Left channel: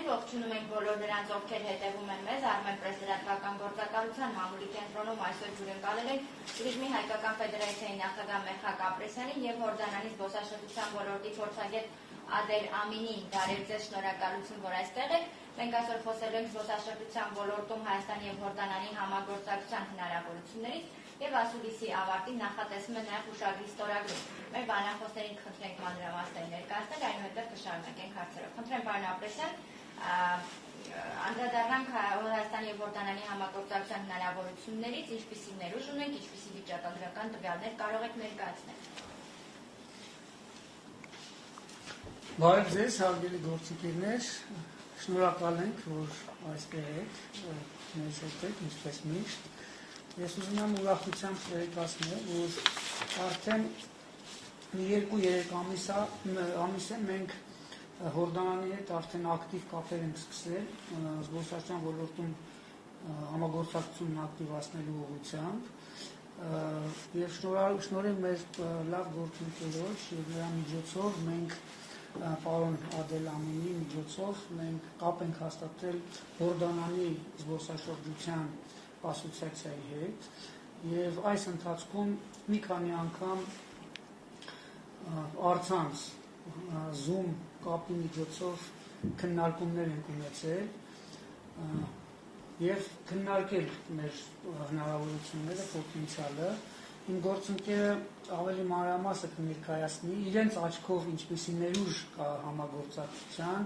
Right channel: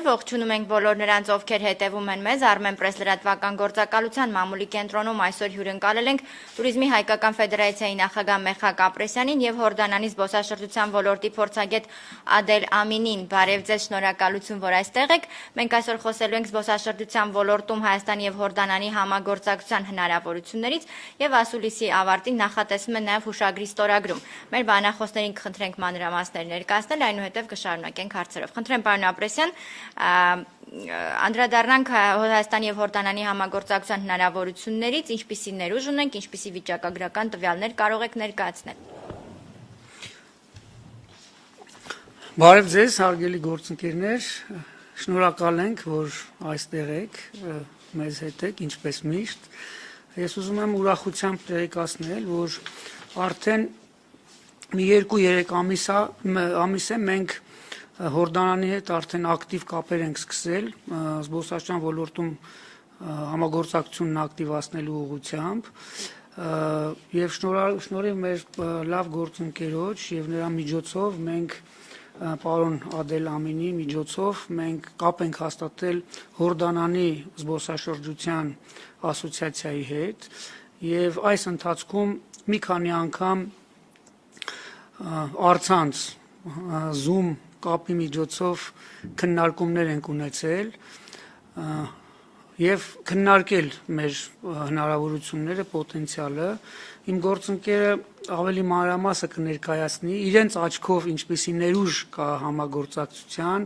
Բարեկամներ, ողջունում ենք բոլոր նրանց, ովքեր հետևում են մեզ Armen Press լրատվական գործակալության մամուլի կենտրոնում այսօր հյուրընկալել ենք Տուրիզմի հայկական ֆեդերացիայի նախագահ Մերխակ Ապրեսյանին եւ Հորդանանի զբոսաշրջության ոլորտի փորձագետ Ադել Ամինին։ Բարև ձեզ, շնորհակալություն, որ այստեղ եք։ Մենք այսօր խոսելու ենք զբոսաշրջության ոլորտում Հայաստանի եւ Հորդանանի համագործակցության հնարավորություններից եւ ասուլիսի ավարտին նախատեսվում է նաեւ հուշագրի ստորագրում։ Մեր բանախոսներին կխնդրենք մանրամասներ ներկայացնել, այնուհետև կշարունակենք հարցերով։ Խնդրեմ, պարոն Ապրեսյան, անդրադառնանք Հայաստանի եւ Հորդանանի համագործակցության հնարավորություններից, ինչպիսի ներուժ ունենք, ինչպիսի վիճակագրական տվյալներ կարող եք ներկայացնել։ Բարև ձեզ, հարգելի գործընկերներ, շնորհակալ ենք, որ այստեղ եք, մեզ հետ եք, ինչպես միշտ։ Ես ուզում եմ ուրախությամբ տեղեկացնել, որ արդեն մի 2-3 ամիս է մենք Հորդանանի հետ արդեն ակտիվ կապեր ենք սկսել զբոսաշրջության ոլորտում համագործակցությունն ակտիվացնելու ուղղությամբ եւ շնորհիվ մեր լավ գործընկերոջ եւ նրա միջոցով մենք պարոն Ադել Ամինի միջոցով մենք կապ ենք հաստատել Հորդանանի զբոսաշրջության ասոցիացիայի հետ եւ այս ընթացքում մի քանի անգամ առցանց Zoom կապի միջոցով քննարկումներ ենք ունեցել եւ քննարկել մեր հնարավորությունները, պոտենցիալը։ Իմ գործընկերը ավելի մանրամասը կներկայացնի իրենց աչքով ինչպիսի ներուժ կա համագործակցության,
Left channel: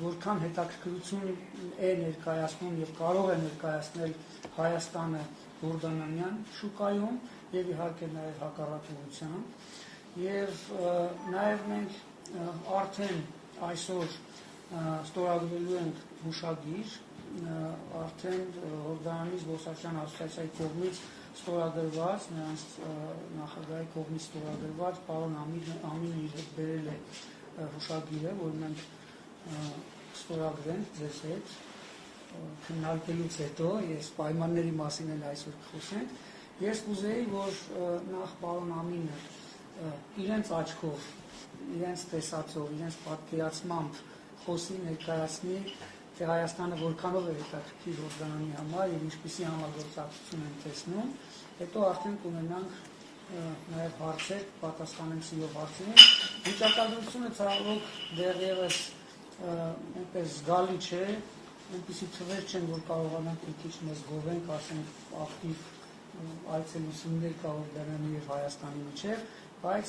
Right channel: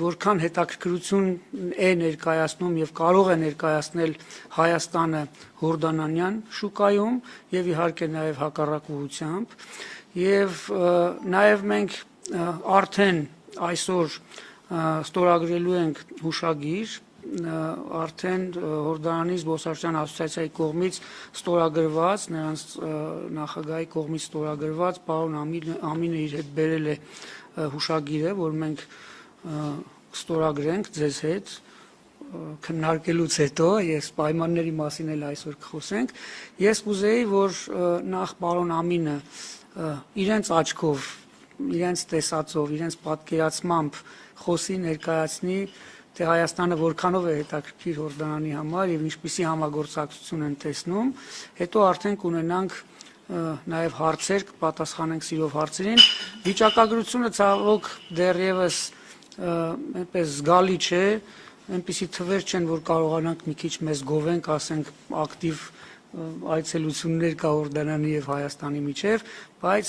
որքան հետաքրքրություն է ներկայացնում եւ կարող է ներկայացնել Հայաստանը հորդանանյան շուկայում եւ իհարկե նաեւ հակառակ ուղղությամբ եւ նաեւ մենք արդեն այսօր ստորագրելու ենք հուշագիր արդեն Հորդանանի զբոսաշրջության ասոցիացիայի կողմից ստորագրված, նրանց նախագահի կողմից ստորագրված պարոն Ամինը իր հետ բերել է հուշագիրը, որ մենք ստորագրենք ձեզ հետ քննարկելուց հետո, ես պայմանների մասին էլ այսօր կխոսենք։ Ես կուզեի, որ նախ պարոն Ամինը իրենց աչքով, իրենց տեսածով, իրենց պատկերացմամբ խոսի, ներկայացնի, թե Հայաստանը որքանով է հետաքրքիր Հորդանանի համար եւ ինչպիսի համագործակցություն են տեսնում, հետո արդեն կունենանք նաեւ հարցեր, կպատասխանենք սիրով հարցերին։ Վիճակագրությունը ցավոք դեռևս այնպես զգալի չէ, այնպիսի թվեր չեն, որ կարողանանք մի քիչ մեզ գովենք, ասենք ակտիվ այցելություններ կա Հորդանանի եւ Հայաստանի միջև, բայց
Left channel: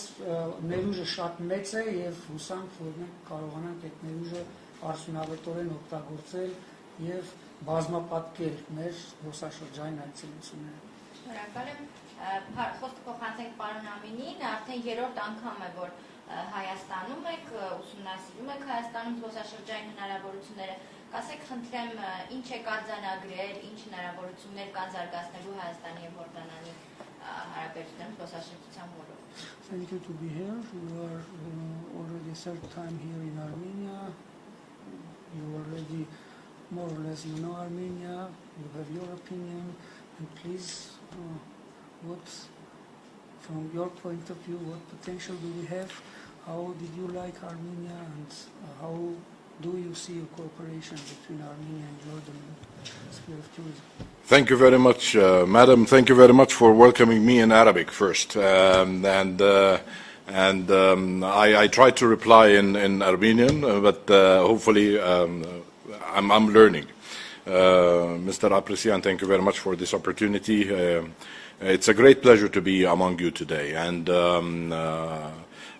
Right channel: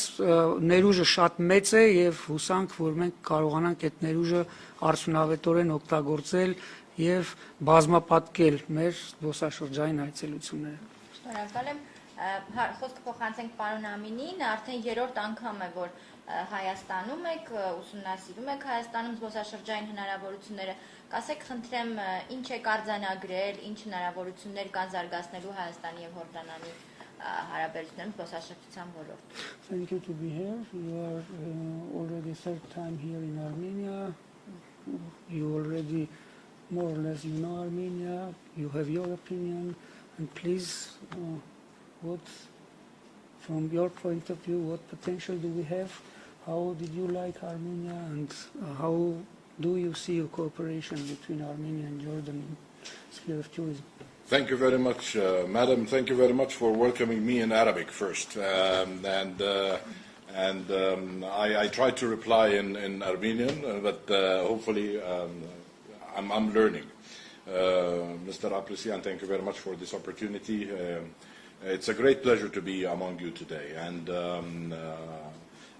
ներուժը շատ մեծ է եւ հուսանք, որ մենք կարողանանք այդ ներուժը արդյունավետորեն օգտագործել եւ բազմապատկել մեր զբոսաշրջային այցելությունները։ Շնորհակալ եմ։ Խոսքը փոխանցենք պարոն Ամինին, արդեն 3-րդ անգամ է, որ Հայաստանում եք, ուսումնասիրում եք Հայաստանում զբոսաշրջային հնարավորությունները։ Կասեք, խնդրեմ, ինչ եք արձանագրել, ինչ հնարավորություններ կան զարգացնելու Հայաստանի եւ Հորդանանի հարաբերություններում զբոսաշրջության ոլորտում։ Thank you to be here. You are already third time here in Armenia. You already more or less you know Armenia. You have your opinion, and please, what from your point of view, what potential do we have? How did you like Armenia, and how do you see a cooperation between Armenia and Jordan in the sphere of tourism? Thank you very much, Madam. Thank you very much for welcoming me in Arabic first. I tried to reply in Armenian, but hopefully I'm learning. Mr. Apresian, thank you very much for this opportunity. It's a great pleasure to be among you today. And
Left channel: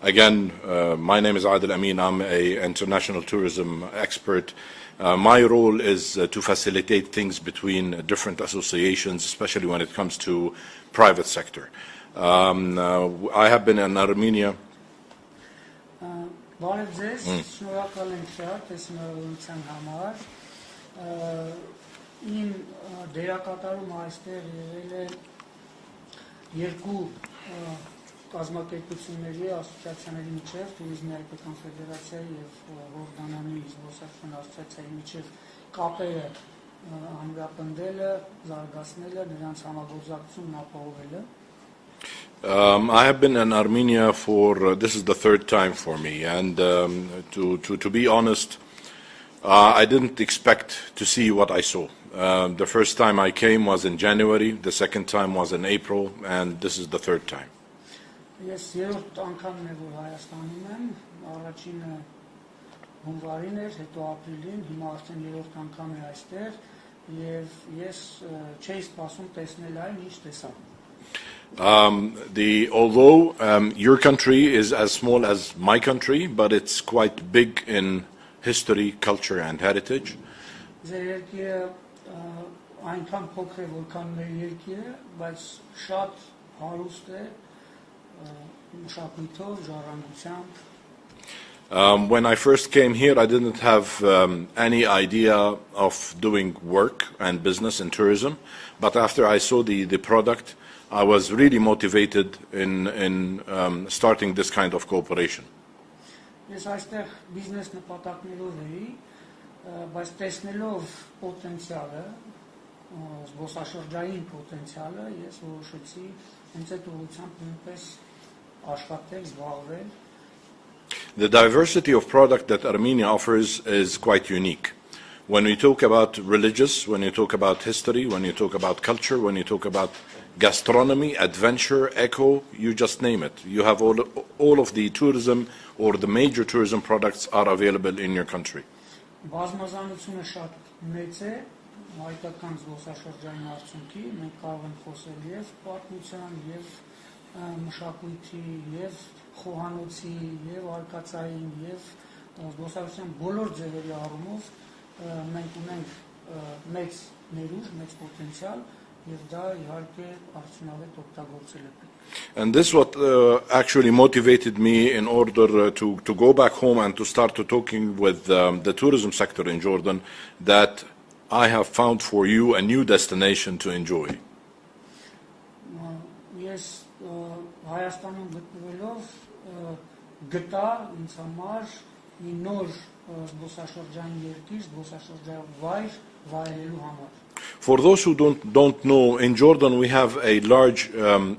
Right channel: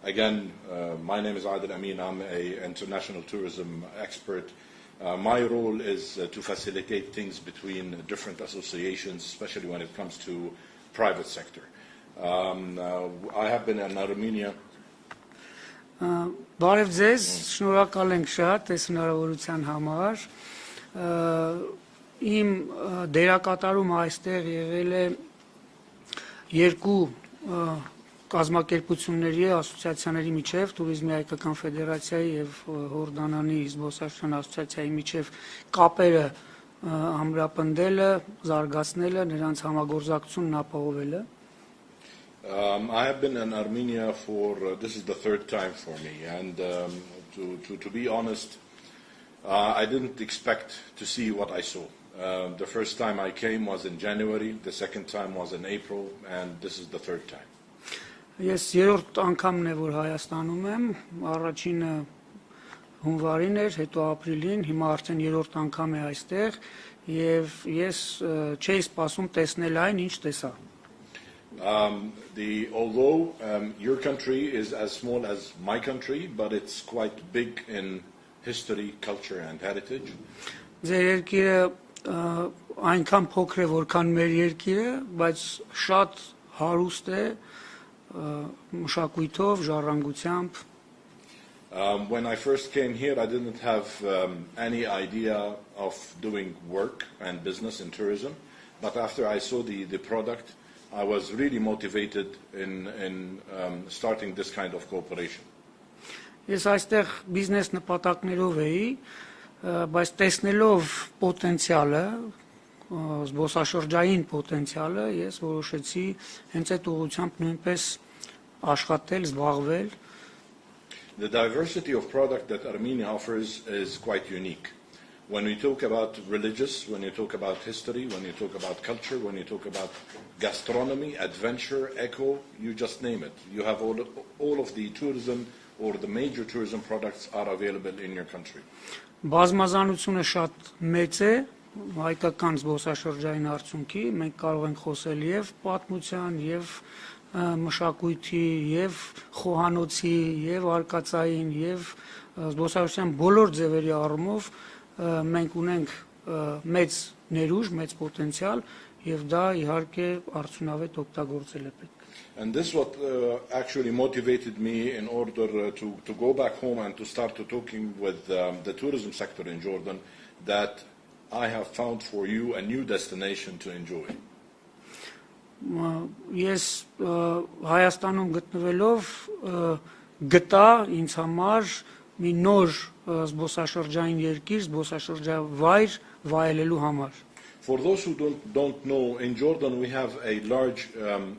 again, my name is Adel Amin. I'm an international tourism expert. My role is to facilitate things between different associations, especially when it comes to private sector. I have been in Armenia. Բարև ձեզ, շնորհակալ ենք շատ այս հնարավորության համար։ Իմ դերակատարումը այստեղ եղել է երկու կազմակերպությունների, ասոցիացիաների միջև, Տուրիզմի հայկական ֆեդերացիայի եւ Հորդանանի զբոսաշրջության ասոցիացիայի միջև կապերը ամրապնդելը, զարգացնելը, նրանց համագործակցությունն ապահովելը։ I have been in Armenia for, this is the third time for me, and to be honest, I didn't expect to see what I saw. The first time I came was in January, the second time was in April, and this is the third time. Ես երրորդ անգամն է որ Հայաստանում եմ, առաջինը հունվարին էր, հետո ապրիլին, հիմա արդեն երրորդ անգամ է այստեղ եւ ես չէի սպասում տեսնել այն, ինչ տեսա։ Although your country is as small as my country, but it's quite big in history, culture and heritage. Ձեր երկիրը այնքան փոքր է, որքան մեր երկիրը, բայց շատ հարուստ է մշակույթով, ժառանգությամբ։ When I first came here, I didn't have any idea of doing work and business in tourism, but after I saw the product, I was really motivated in starting this kind of cooperation. Ես այստեղ բիզնես նպատակներով էի, բայց տեսնելով պոտենցիալը, զբոսաշրջային պոտենցիալը, ես որոշեցի հենց այդ ուղղությամբ նույնպես աշխատել, զբաղվել։ The diversity of product that Armenia offers is quite unique. When we talk about religious, when you talk about history, when you talk about culture, when you talk about gastronomy, adventure, eco, you just name it. You have all of the tourism or the major tourism products are available in your country. Բազմազանությունը շատ մեծ է, հայկական զբոսաշրջային արդյունքի, մենք կարող ենք խոսել եւ պատմության, եւ մշակույթի, եւ խոհանոցի, եւ արկածային, եւ զբոսաշրջության բոլոր ձևերի առումով մենք ունենք մեծ ներուժ, մեծ պոտենցիալ եւ դա իհարկե արդյունավետ օգտագործել է պետք։ And this what actually motivated me in order to go back home and to start talking with the tourism sector in Jordan that I have found for you a new destination to enjoy. Ես Հայաստանում գտնվելով գտա ինձ համար մի նոր զբոսաշրջային երկիր, զբոսաշրջավայր վայելելու համար։ For those who don't know, in Jordan we have a large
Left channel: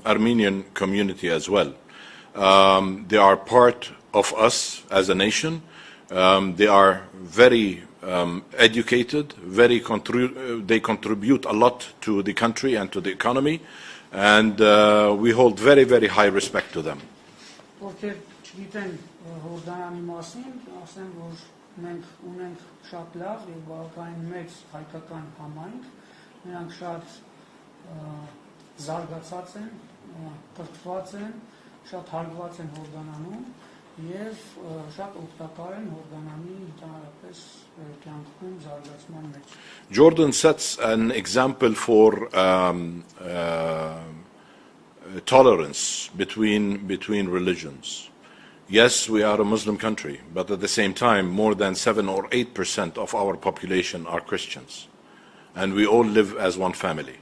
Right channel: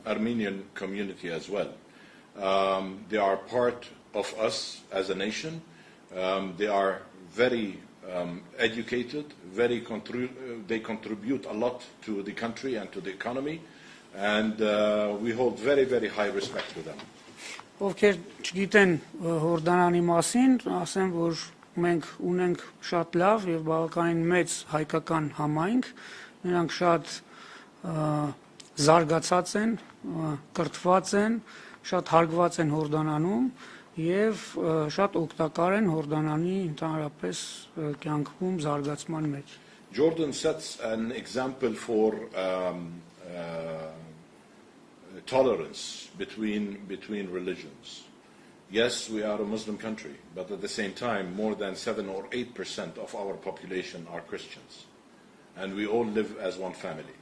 Armenian community as well. They are part of us as a nation. They are very educated, they contribute a lot to the country and to the economy, and we hold very, very high respect to them. Ովքեր չգիտեն Հորդանանի մասին, ասեմ, որ մենք ունենք շատ լավ եւ բավականին մեծ հայկական համայնք, նրանք շատ զարգացած են, կրթված են, շատ հարգված են Հորդանանում եւ շատ օգտակար են Հորդանանի ընդհանրապես կյանքում զարգացման մեջ։ Jordan sets an example for tolerance between religions. Yes, we are a Muslim country, but at the same time, more than 7 or 8% of our population are Christians, and we all live as one family.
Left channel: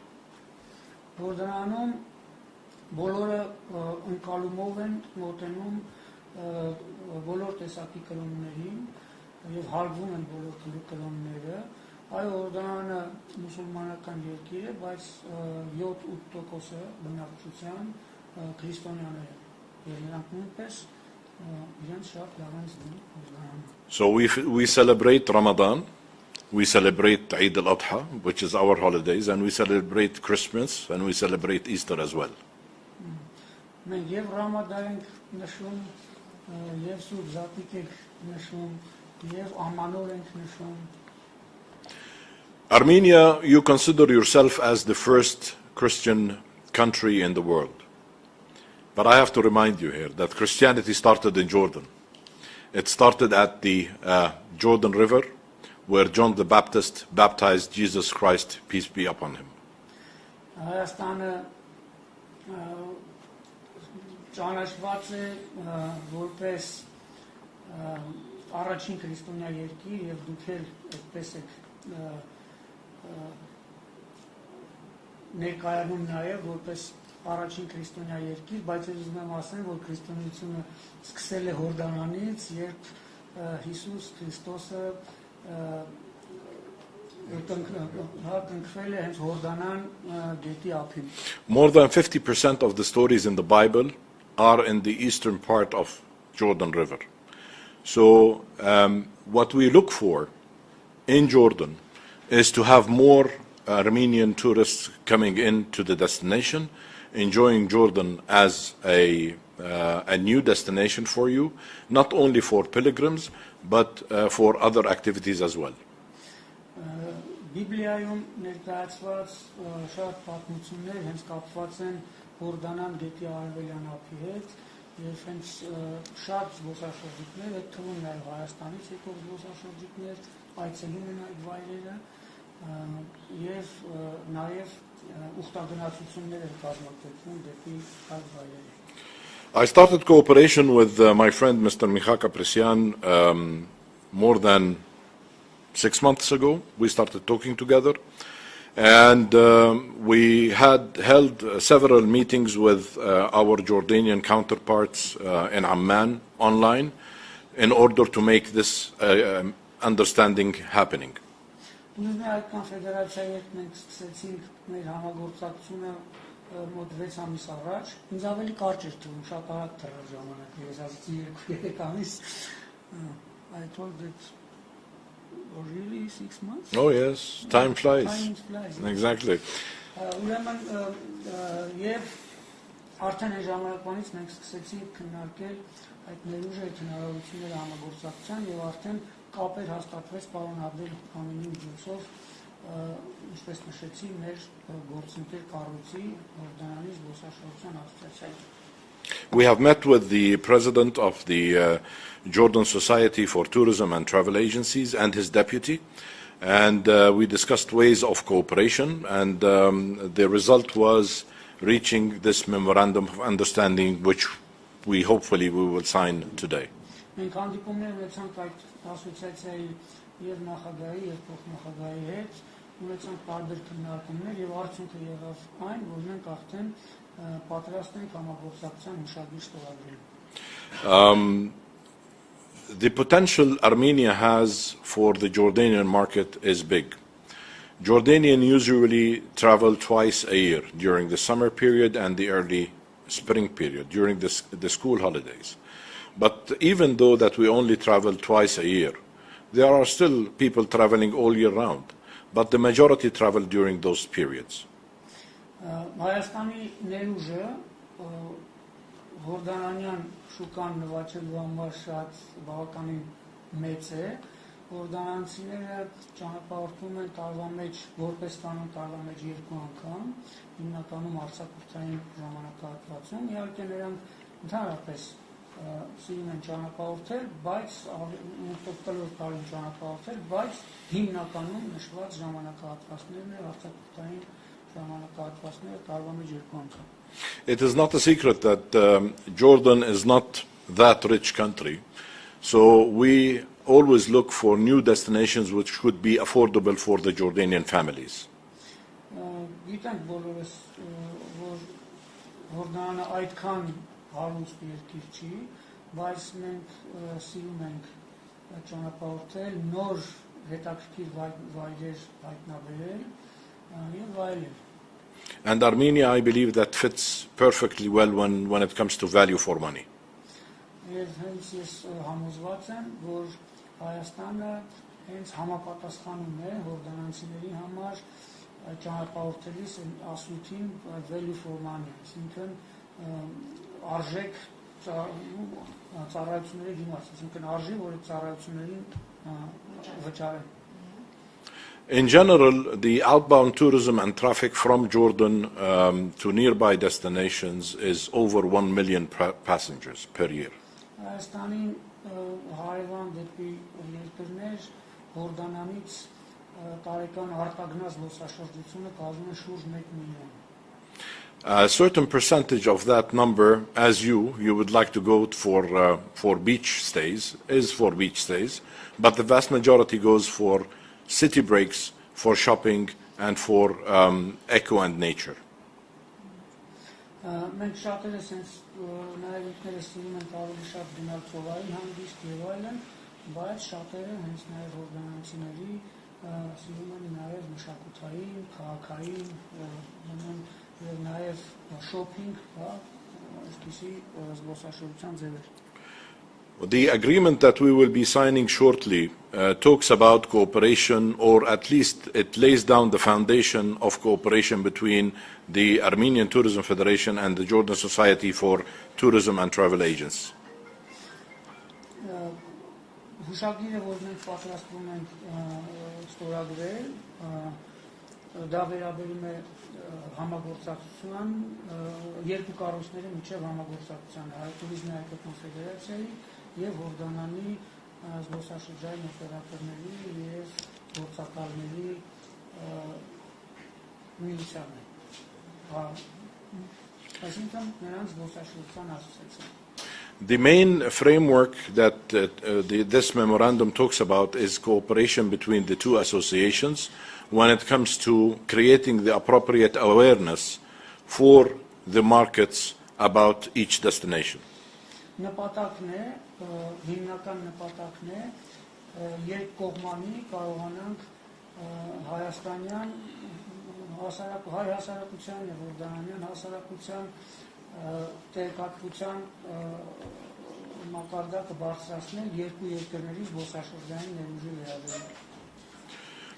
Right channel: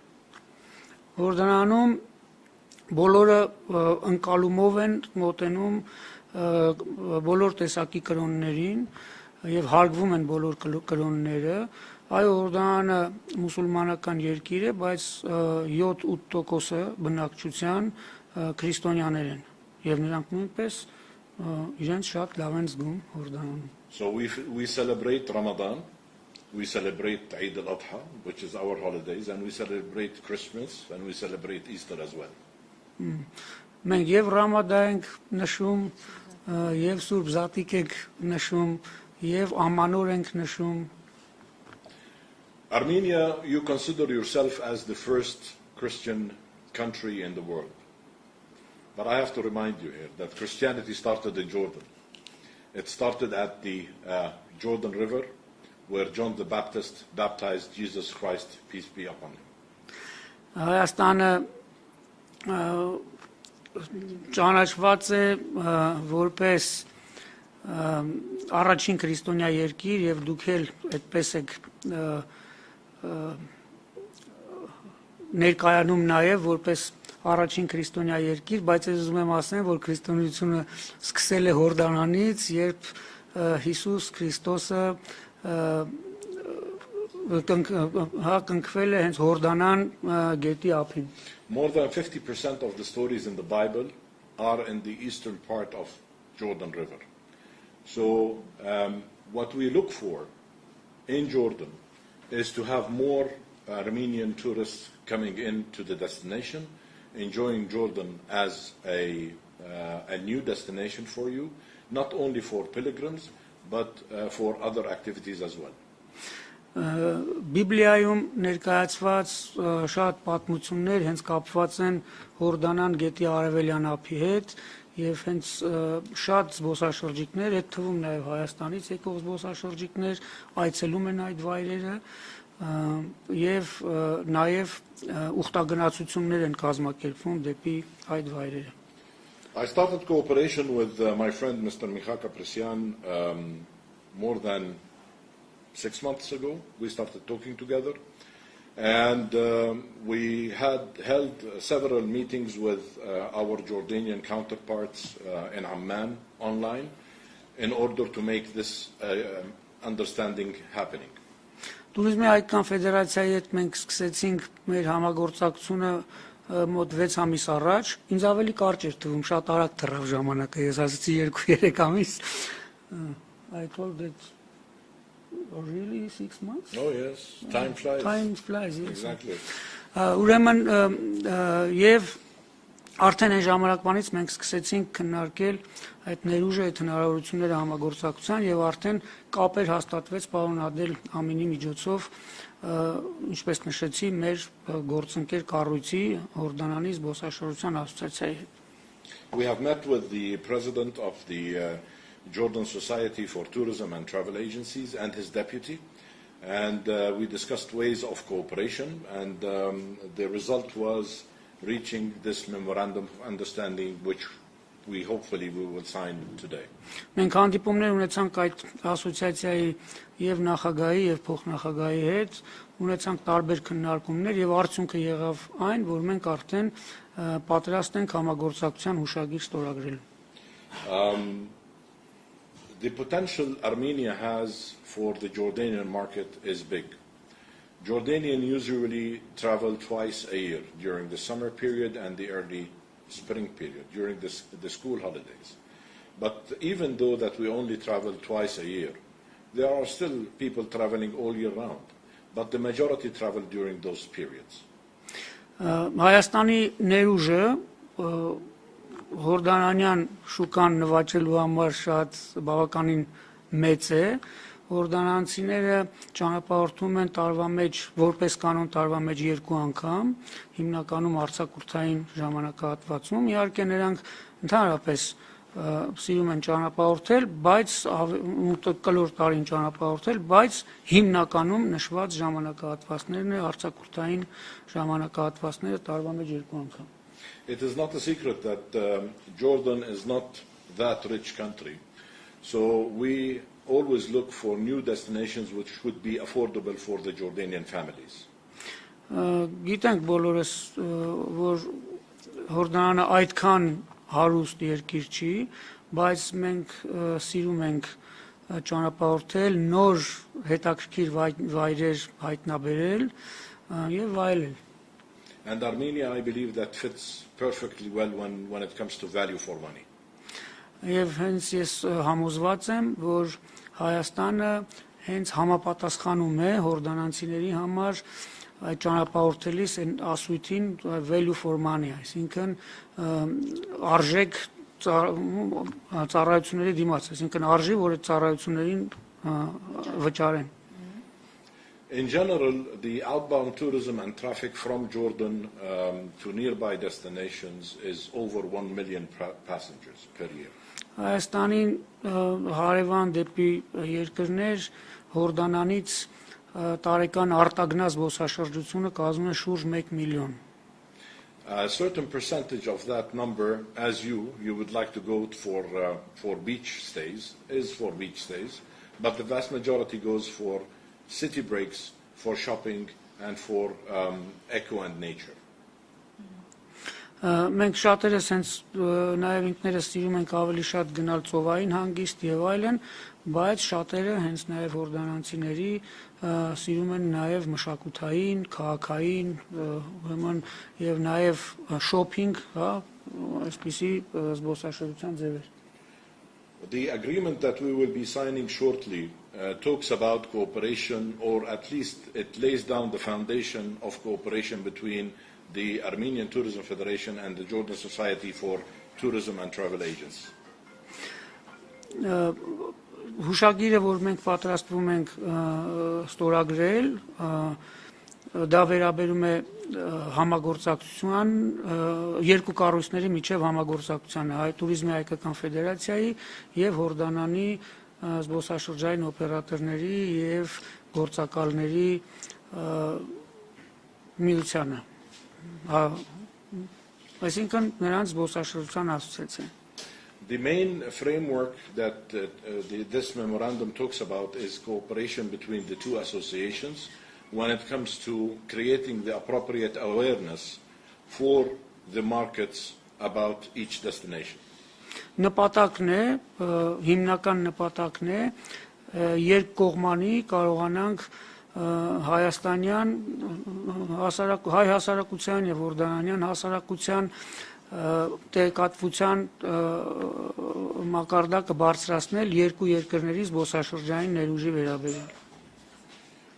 Հորդանանում բոլորը ընկալումով են մոտենում բոլոր տեսակի կրոններին եւ հարգվում են բոլոր կրոնները։ Այո, Հորդանանը մուսուլմանական երկիր է, բայց 7-8% բնակչության քրիստոնյաներ են եւ նրանք նույնպես իրենց շատ լավ են զգում Հորդանանում։ So we celebrate Ramadan, we celebrate Eid al-Adha, which is our holidays, and we celebrate Christmas and we celebrate Easter as well. Մենք եւ Ռամադան ենք նշում, եւ Սուրբ Զատիկ ենք նշում, եւ Ամանոր ենք նշում։ Armenia, you consider yourself as the first Christian country in the world. But I have to remind you here that Christianity started in Jordan. It started at the Jordan River, where John the Baptist baptized Jesus Christ, peace be upon him. Հայաստանը ճանաչված է որպես առաջին քրիստոնյա երկիր եւ դուք էլ այդպես եք ներկայանում նաեւ որպես առաջին քրիստոնյա երկիր, բայց ես ուզում եմ ասեմ, որ քրիստոնեությունը սկսել է Հորդանանից, երբ Հիսուս Քրիստոսը կնքվել է հենց Հորդանան գետի ափին։ More than 50% of the stories in the Bible are in the eastern part of Jordan River. So what we look for in Jordan is to have more Armenian tourists coming into the destination, enjoying Jordan as a new destination for you, not only for pilgrims, but for other activities as well. Բիբլիայում ներկայացված շատ պատմություններ հենց կապված են Հորդանան գետի արևելյան ափի հետ եւ հենց շատ զբոսաշրջիկներ, այդ թվում նաեւ Հայաստանից եկող զբոսաշրջիկներ այցելում են այդ վայրերը եւ նաեւ ուխտագնացություններ են կազմակերպվում դեպի այդ վայրերը. I started cooperation with my friend Mr. Ter-Petrosian more than 6 months ago. We started talking together, and we had held several meetings with our Jordanian counterparts in Amman online in order to make this understanding happening. Տուրիզմի հայկական ֆեդերացիայի հետ մենք սկսեցինք մեր համագործակցությունը մոտ 6 ամիս առաջ, ինձ ավելի կարճ էր թվում, շատ արագ թռավ ժամանակը, ես ասացի 2-3 ամիս. I told that really 6 months? Oh yes, time flies. Time flies. Yes. Exactly. Ուրեմն եւ արդեն այն ժամանակվանից մենք սկսեցինք քննարկել այդ ներուժը, այդ հնարավորությունները համագործակցության եւ արդեն կապեր հաստատվեց պարոն Ադել Ամինի միջոցով, ինչպես նշեցի, մեր գործընկեր կառույցի Հորդանանի զբոսաշրջության ասոցիացիայի հետ. We have met with the president of the Jordan Society for Tourism and Travel Agencies and his deputy, and we discussed ways of cooperation, and the result was reaching this memorandum of understanding, which we hopefully will sign today. Մենք հանդիպումներ ունեցանք այդ ասոցիացիայի եւ նախագահի եւ փոխնախագահի հետ, ունեցանք տարբեր քննարկումներ եւ արդյունքը եղավ այն, որ մենք արդեն պատրաստ ենք համագործակցության հուշագիր ստորագրելու. The potential Armenia has for the Jordanian market is big. Jordanians usually travel twice a year during the summer period and the early spring period, during the school holidays. But even though that we only travel twice a year, there are still people traveling all year round, but the majority travel during those periods. Հայաստանի ներուժը Հորդանանյան շուկան նվաճելու համար շատ բավականին մեծ է. Հորդանանցիները ճանապարհորդում են տարվա մեջ, որպես կանոն տարվա մեջ 2 անգամ, հիմնականում արձակուրդային ժամանակահատվածում, իհարկե նրանք ընդհանրապես սիրում են ճանապարհորդել, բայց կլոր տարին ճանապարհորդել, բայց հիմնականում նշված ժամանակահատվածներն է արձակուրդային ժամանակահատվածները տարվա մեջ 2 անգամ. It is not a secret that Jordan is not that rich country, so we always look for new destinations which could be affordable for the Jordanian families. Գիտենք բոլորս, որ Հորդանանը այդքան հարուստ երկիր չի, բայց մենք սիրում ենք ճանապարհորդել, նոր հետաքրքիր վայրեր հայտնաբերել եւ այլն. And Armenia, I believe, that fits perfectly well when it comes to value for money. Եվ հենց ես համոզված եմ, որ Հայաստանը հենց համապատասխանում է հորդանանցիների համար այդ ճանապարհորդելիս այն ասույթին value for money, այսինքն արժեք ծառայությունների դիմաց, այսինքն արժի, որ այդ ծառայություններին վճարեն. In general, the outbound tourism and traffic from Jordan to nearby destinations is over 1 million passengers per year. Հայաստանին հարևան դեպի երկրներ Հորդանանից տարեկան արտագնաց զբոսաշրջությունը կազմում է շուրջ 1 միլիոն. A certain percentage of that number, as you would like to go for beach stays, is for beach stays, but the vast majority goes for city breaks, for shopping, and for eco and nature. Մենք շատերս հենց նաև ինքներս սիրում ենք ավելի շատ գնալ ծովային հանգիստ եւ այլն, բայց շատերը հենց նաև հորդանանցիների սիրում են նաև մշակութային, քաղաքային, ուրեմն եւ նաև շոփինգ, հա, այսպիսի զբոսաշրջության ձևեր. The agreement that we will be signing shortly talks about cooperation, or at least it lays down the foundation of cooperation between the Armenian Tourism Federation and the Jordan Society for Tourism and Travel Agents. Հուշագիրը, որ մենք պատրաստվում ենք ստորագրել, դա վերաբերում է համագործակցության երկու կառույցների միջև համագործակցությանը, Տուրիզմի հայկական ֆեդերացիայի եւ Հորդանանի զբոսաշրջային օպերատորների եւ գործակալների միությանը, այսինքն նրանց զբոսաշրջության ասոցիացիան. The main framework that this memorandum talks about is cooperation between the two associations when it comes to creating the appropriate awareness for the markets about each destination. Նպատակն է, հիմնական նպատակն է, երկկողմանի կարողանանք հայաստանյան հայ հասարակության եւ հորդանանյան հասարակության տեղեկատվության մակարդակը բարձրացնել երկու երկրների զբոսաշրջային ներուժի վերաբերյալ.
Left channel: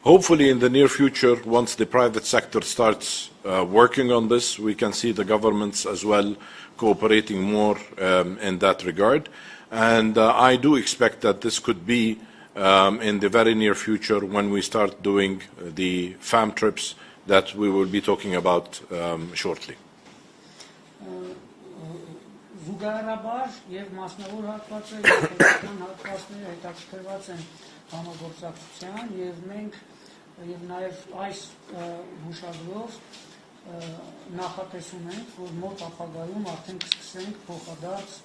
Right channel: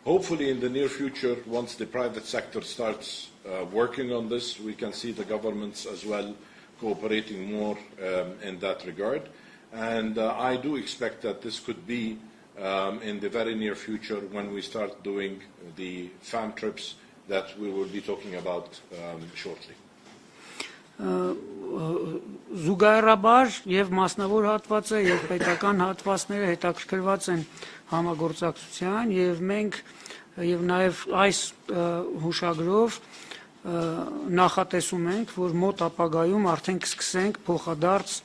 Hopefully in the near future, once the private sector starts working on this, we can see the governments as well cooperating more in that regard. And I do expect that this could be in the very near future when we start doing the FAM trips that we will be talking about shortly. Զուգահեռաբար եւ մասնավոր հատվածը եւ պետական հատվածները հետաքրքրված են համագործակցության եւ մենք եւ նաեւ այս հուշագրով նախատեսում ենք, որ մոտ ապագայում արդեն կսկսենք փոխադարձ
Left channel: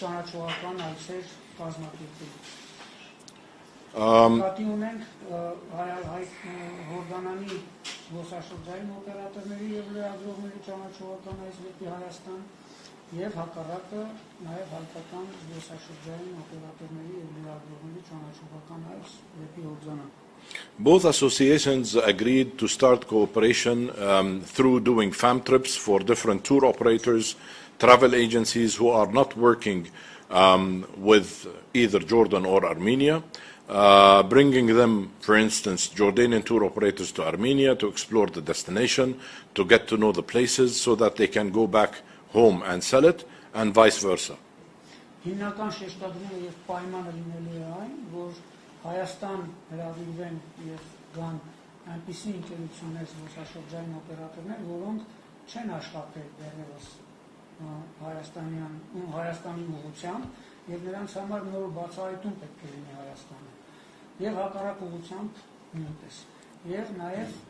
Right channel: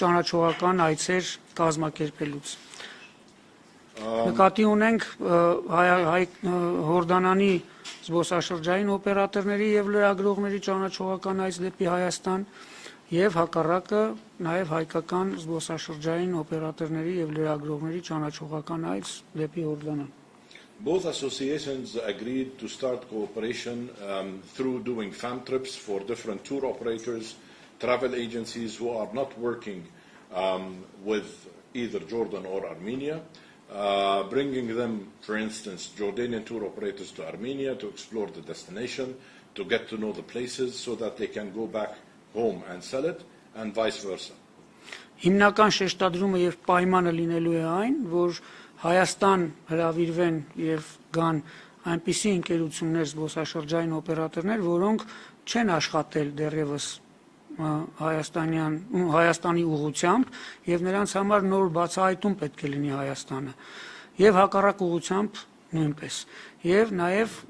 ճանաչողական այցեր կազմակերպելուց. Նկատի ունենք Հորդանանի զբոսաշրջային օպերատորների եւ լրագրողների ճանաչողական այց դեպի Հայաստան եւ հակառակը նաեւ հայկական զբոսաշրջային օպերատորների եւ լրագրողների ճանաչողական այց դեպի Հորդանան. Both associations agreed to start cooperation through doing FAM trips for different tour operators, travel agencies who are not working with either Jordan or Armenia, bringing them, for instance, Jordanian tour operators to Armenia to explore the destination, to get to know the places so that they can go back home and sell it, and vice versa. Հիմնական շեշտադրումը եւ պայմանը լինելու է այն, որ Հայաստան հրավիրվեն եւ գան այնպիսի ընկերություններ, զբոսաշրջային օպերատորներ, որոնք չեն աշխատել դեռևս Հայաստանի ուղղությամբ եւ նրանց համար նոր բացահայտում պետք է լինի Հայաստանը եւ հակառակ ուղղությամբ նույնպես եւ նաեւ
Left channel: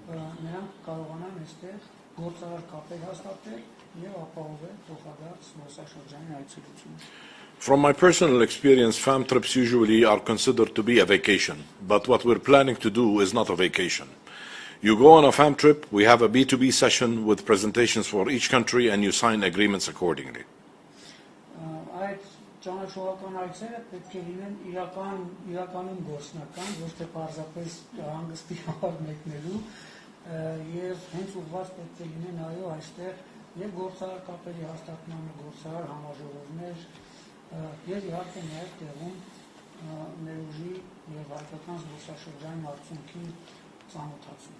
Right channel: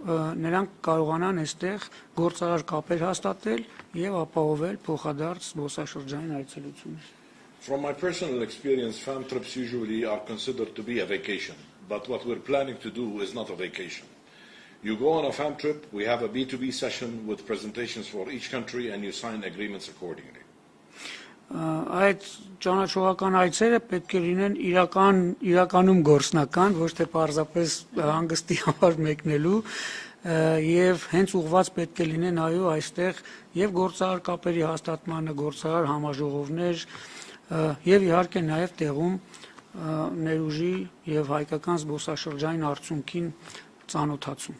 նրանք կարողանան այստեղ գործարար կապեր հաստատել եւ ապահովել փոխադարձ զբոսաշրջային այցելություն. From my personal experience, FAM trips usually are considered to be a vacation, but what we're planning to do is not a vacation. You go on a FAM trip, we have a B2B session with presentations for each country, and you sign agreements accordingly. Այդ ճանաչողական այցերը պետք է լինեն իրականում գործնական, ոչ թե պարզապես հանգստի համար մեկնելու, եւ հենց ուղղված պետք է լինեն այո այստեղ եւ գործարար կապերի հաստատմանը, գործարար համաժողովներ եւ իհարկե նաեւ տեղում ներուժի եւ հայկական զբոսաշրջային արդյունքին ծանոթացում.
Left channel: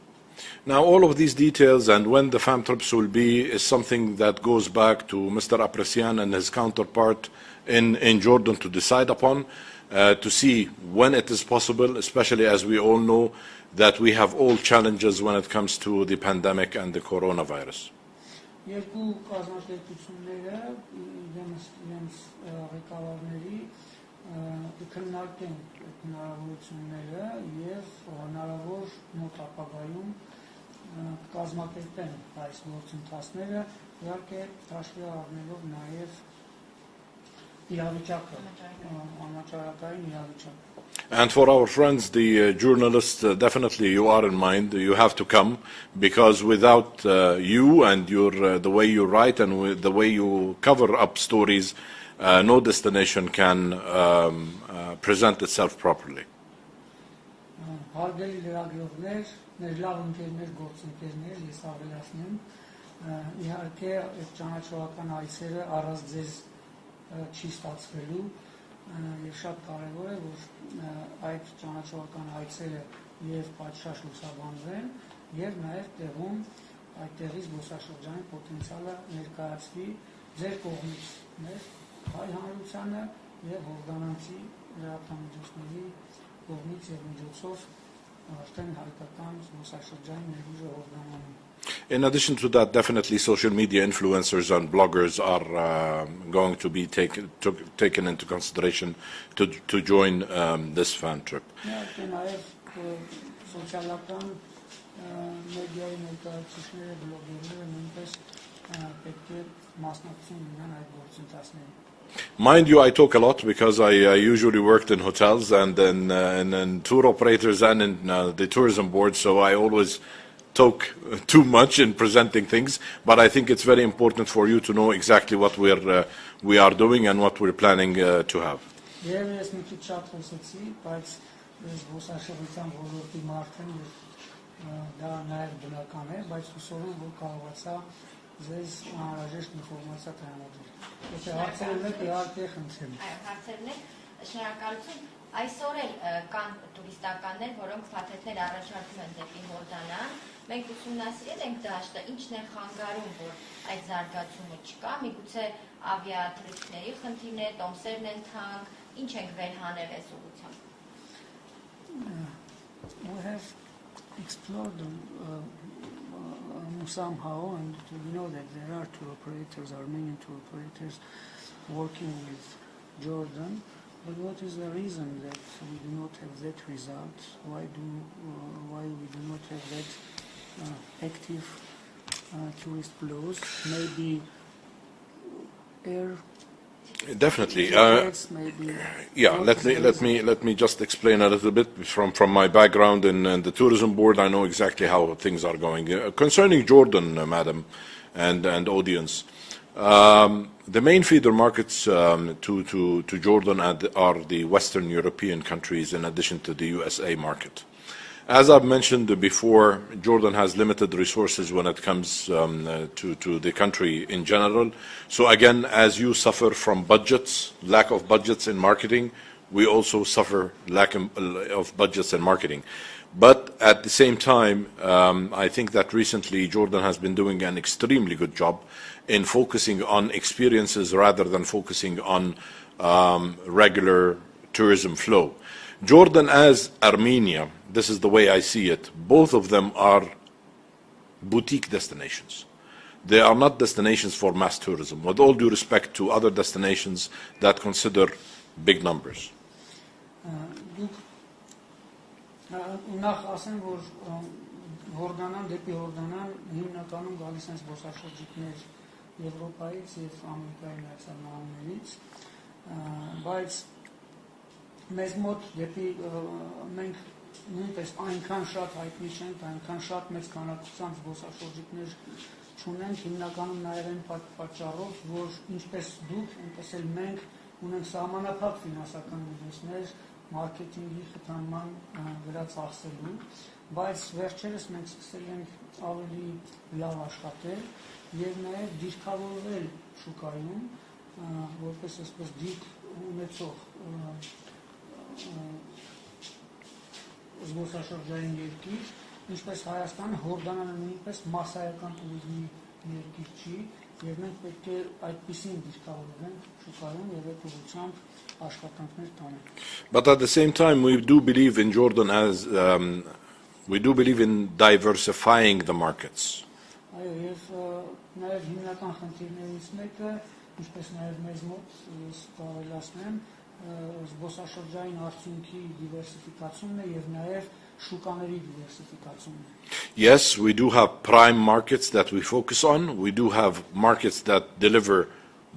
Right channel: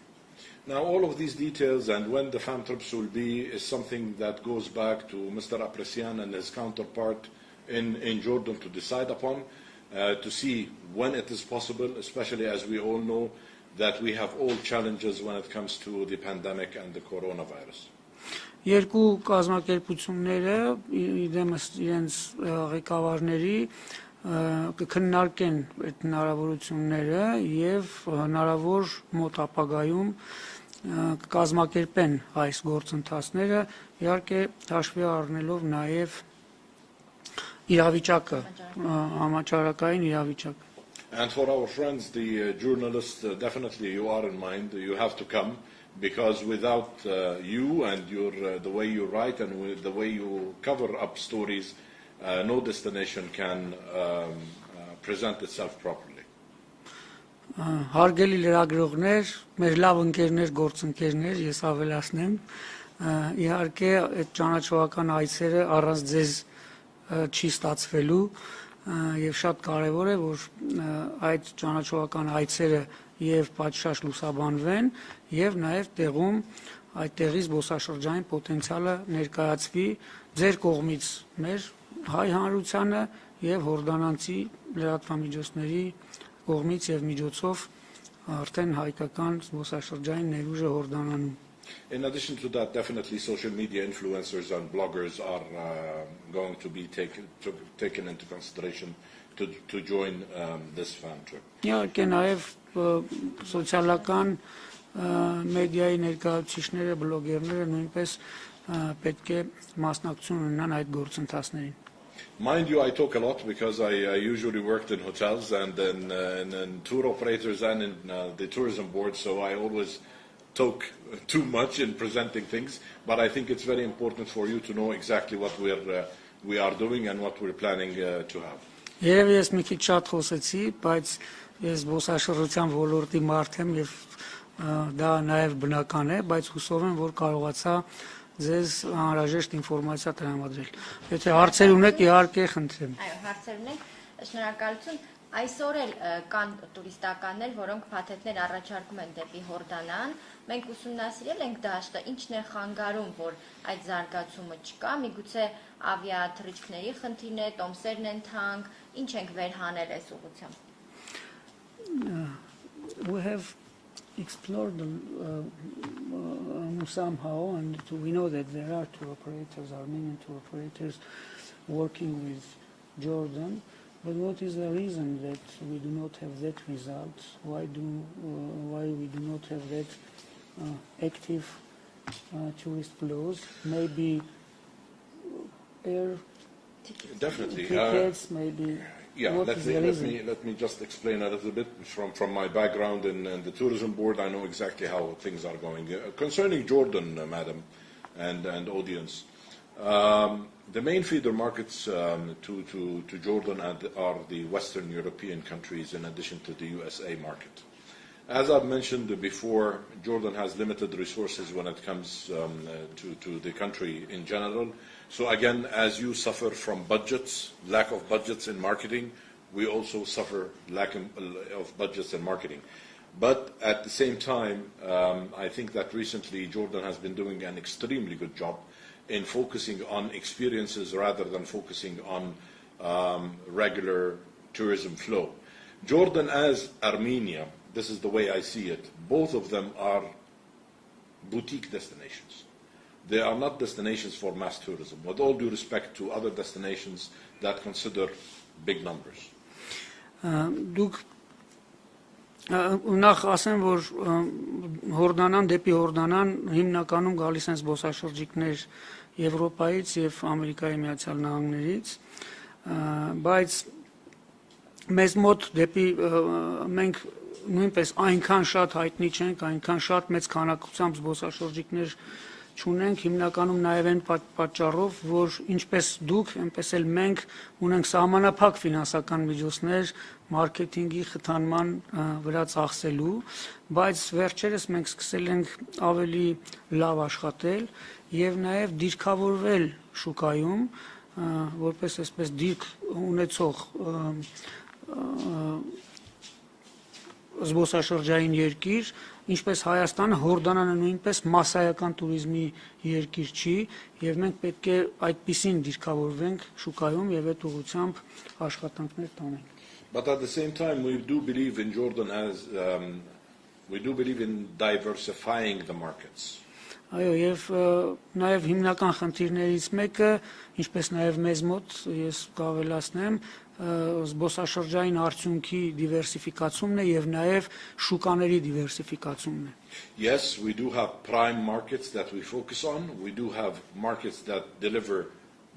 Now, all of these details and when the FAM trips will be is something that goes back to Mr. Apresian and his counterpart in Jordan to decide upon, to see when it is possible, especially as we all know that we have all challenges when it comes to the pandemic and the coronavirus. Երկու կազմակերպությունները իդեմս իրենց ղեկավարների կքննարկեն այդ հնարավորությունները եւ հնարավոր մոտ ապագայում կկազմակերպեն այս գործընթացները, իհարկե հաշվի առնելով նաեւ իրավիճակը, համաճարակային իրավիճակը. And for our friends, the journalists, definitely you are in mind. You have to come because without you and the way you write and the way you cover up stories, no destination can present itself properly. Հարգելի լրագրողներ, մեր լավ ընկերներ, գործընկերներ, ես ավելացնեմ, իհարկե այդ ճանաչողական այցերը առանց ձեզ չի ստացվելու, եւ շատ կարեւոր է, որ այդ ճանաչողական այցերը եւ պատշաճ լուսաբանվեն եւ նաեւ տեղում այդտեղի զբոսաշրջային պոտենցիալը ներկայացվի ձեր կողմից մեր հայ հանրությանը եւ հորդանանցի լրատվամիջոցների կողմից եւ միջոցով արդեն հայկական զբոսաշրջային ներուժը Հորդանանում. In addition to that, definitely social media influencers and bloggers are going to be taken into consideration to join this fan trip. Իհարկե նաև սոցիալական մեդիայի ներկայացուցիչները, բլոգերները նույնպես պետք է մասնակցություն ունենան այդ գործընթացներին. Mind you, I talk a lot because I usually worked in hotels and in tour operators and in the tourism board, so I always talk too much in presenting things, but I think it's very important for you to know exactly what we are doing and what we're planning to have. Երևի ես մի քիչ շատ խոսեցի, բայց ես զբոսաշրջության ոլորտի մարդ եմ եւ դա նաեւ բնական է, բայց հուսով եմ, որ կարողացա ձեզ անհրաժեշտ ինֆորմացիա տրամադրել։ Եթե հարցեր ունեք, իհարկե խնդրեմ։ Այո, հարցեր ունեք, շնորհակալություն։ Այսօր էլ կան տուրիստականներ, որոնք փաթեթներ առաջարկում են դեպի Հորդանան։ Մենք ուսումնասիրել ենք դաշտը, ինչն է խանգարում, որ այդ զարգացումը չկա, միգուցե ավիաթռիչքների խնդիրն է, տոմսերն են թանկ, ինչ ենք վերհանել այս ուղղությամբ։ We have explored somehow, and we know that there are tour operators, Armenian tour operators, working with Jordan. But what is the reason that we do not have that result? Why we do not have that active tourist flows? Maybe air. Definitely. Tickets, maybe. Yeah, let me just explain a little bit from my background in the tourism board. I know exactly how things are going. Concerning Jordan, madam, and audience, the main feeder markets to Jordan are the Western European countries, in addition to the USA market. As I've mentioned before, Jordan has limited resources when it comes to the country in general. So again, as you suffer from budgets, lack of budgets in marketing, we also suffer lack of budgets in marketing. But at the same time, I think that recently Jordan has been doing an extremely good job in focusing on experiences rather than focusing on regular tourism flow. Jordan as Armenia, this is the way I see it, both of them are boutique destinations. They are not destinations for mass tourism, with all due respect to other destinations that consider big numbers. Դուք նախ ասեմ, որ Հորդանան դեպի Հորդանան հիմնականում գալիս են զբոսաշրջիկներ Եվրոպայից եւ Ամերիկայի Միացյալ Նահանգներից, բայց մեզ մոտ դեպի մենք նույնպես այնքան շատ հայտնի չենք, այնքան շատ մեծ քանակությամբ զբոսաշրջիկներ չունենք, հիմնականում նաև այն պատճառով, որ ինչպես դուք, այնպես էլ մենք ունենք սահմանափակ ֆինանսական միջոցներ մարքեթինգի խթանման վրա ծախսելու, բայց վերջերս մենք սկսել ենք ավելի լավ աշխատել եւ նաև դիրքավորվել շուկայում, որպես այսպես դիրք ունեցող զբոսաշրջային երկիր, ինչպես Հայաստանը, Հորդանանը նույնպես մասսայական туриզմի երկիր չի, եւ մենք պետք է այդպիսին դիրքավորվենք շուկայում եւ այդ ուղղությամբ աշխատանքներ տանենք. But at the same time, we do believe in Jordan as we do believe in diversifying the markets. Այո, եւ նաեւ հիմնական խնդիրներից մեկը, ինչպես նաեւ մեզ մոտ, ես կավելացնեմ, զբոսաշրջային արդյունքի դիվերսիֆիկացումն է եւ նաեւ շուկաների դիվերսիֆիկացումն է. Yes, we do have prime markets that we focus on. We do have markets that deliver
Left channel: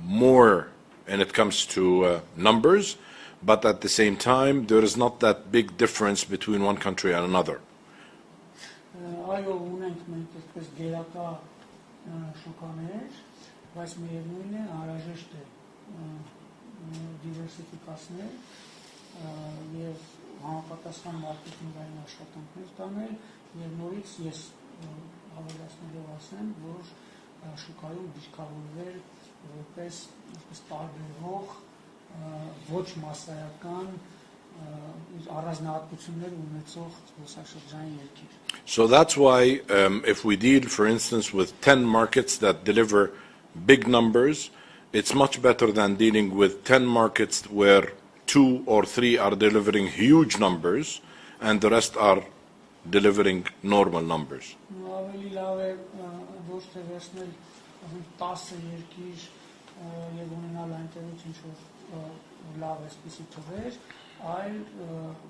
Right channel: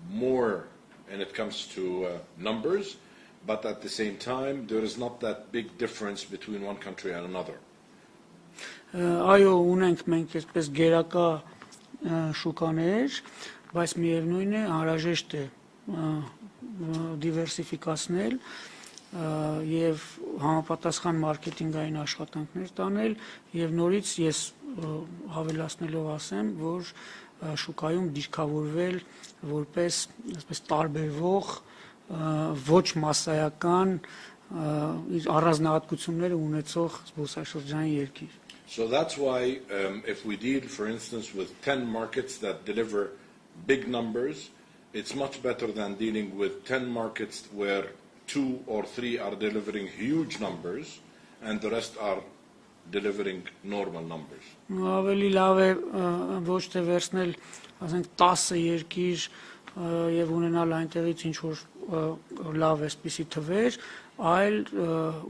more when it comes to numbers, but at the same time, there is not that big difference between one country and another. Այո, ունենք մենք այսպես գերակա շուկաներ, բայց միևնույն է անհրաժեշտ է դիվերսիֆիկացնել եւ համապատասխան մարքեթինգային աշխատանքներ տանել եւ նորից ես հավելացնելով ասեմ, որ շուկայում դիրքավորվել որպես այսպես տարբերվող ոչ մասսայական իր առանձնահատկությունները ունեցող զբոսաշրջային երկիր։ So that's why if we deal, for instance, with 10 markets that deliver big numbers, it's much better than dealing with 10 markets where 2 or 3 are delivering huge numbers and the rest are delivering normal numbers. Ավելի լավ է ոչ թե վերցնել, ասենք 10 երկիր եւ ունենալ այնտեղից ինչ որ լավ էսպիսի թվեր, այլ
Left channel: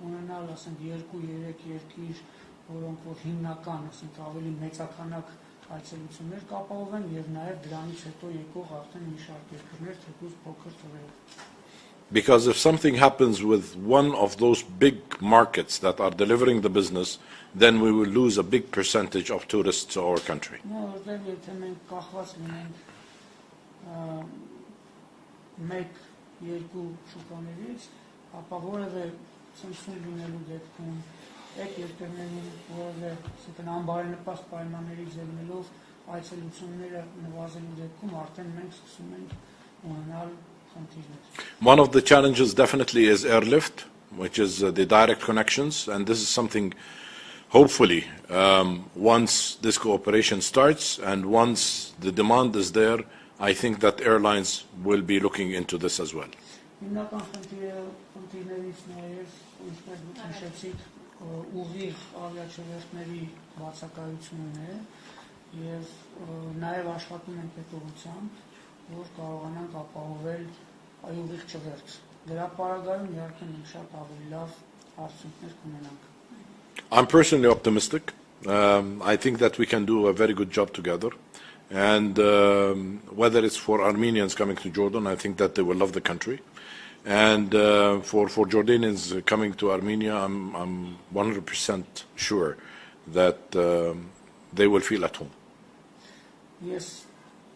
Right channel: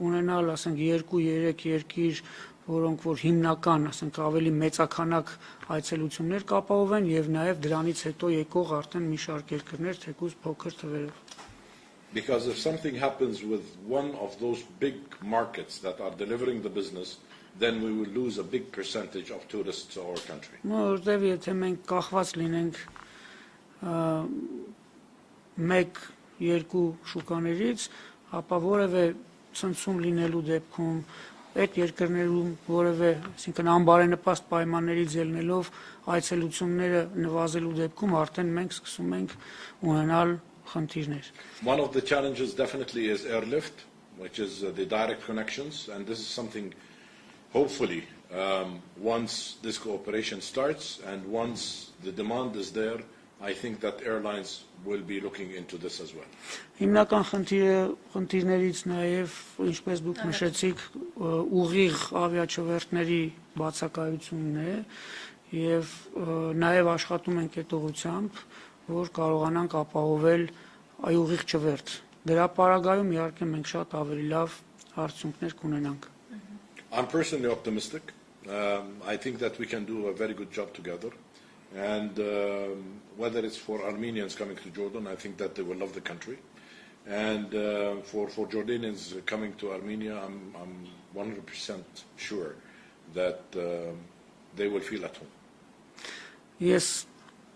ունենալ, ասենք 2-3 երկիր, որոնք որ հիմնական, ասենք ավելի մեծականակ այցելություններ կապահովեն եւ նաեւ դրանից հետո եկող արդեն մի շարք երկրներ թեկուզ փոքր թվերով։ Because if something happens with one of those big markets that are delivering the business, then we will lose a big percentage of tourists to our country. Որտեւ եթե մենք կախված լինենք մեկ-երկու շուկաներից, ապա որևէ ցնցում լինելու դեպքում այդ երկրներում որևէ, այսինքն անբարենպաստ պայմաններից ելնելով այցելությունները նվազելու դեպքում արդեն մենք սկսում ենք ունենալ խնդիրներ։ One of the challenges definitely is airlift, which is the direct connections, and this is something hopefully once this cooperation starts and once the demand is there, I think that airlines will be looking into this as well. Հիմնական խնդիրներից նաև, ինչպես դուք նշեցիք, ուղիղ ավիաչվերթների բացակայությունն է եւ նաև աշխատում ենք այդ ուղղությամբ, որ կարողանանք ապահովել այ ուղիղ չվերթ։ Դրա պարագայում իհարկե մենք շատ ավելի լավ արդյունքներ կունենանք։ I'm personally optimistic. I think that we can do a very good job together. And whether it's for Armenians coming to Jordan, I think that they will love the country. And for Jordanians coming to Armenia, I'm 100% sure that they will feel at home. Ես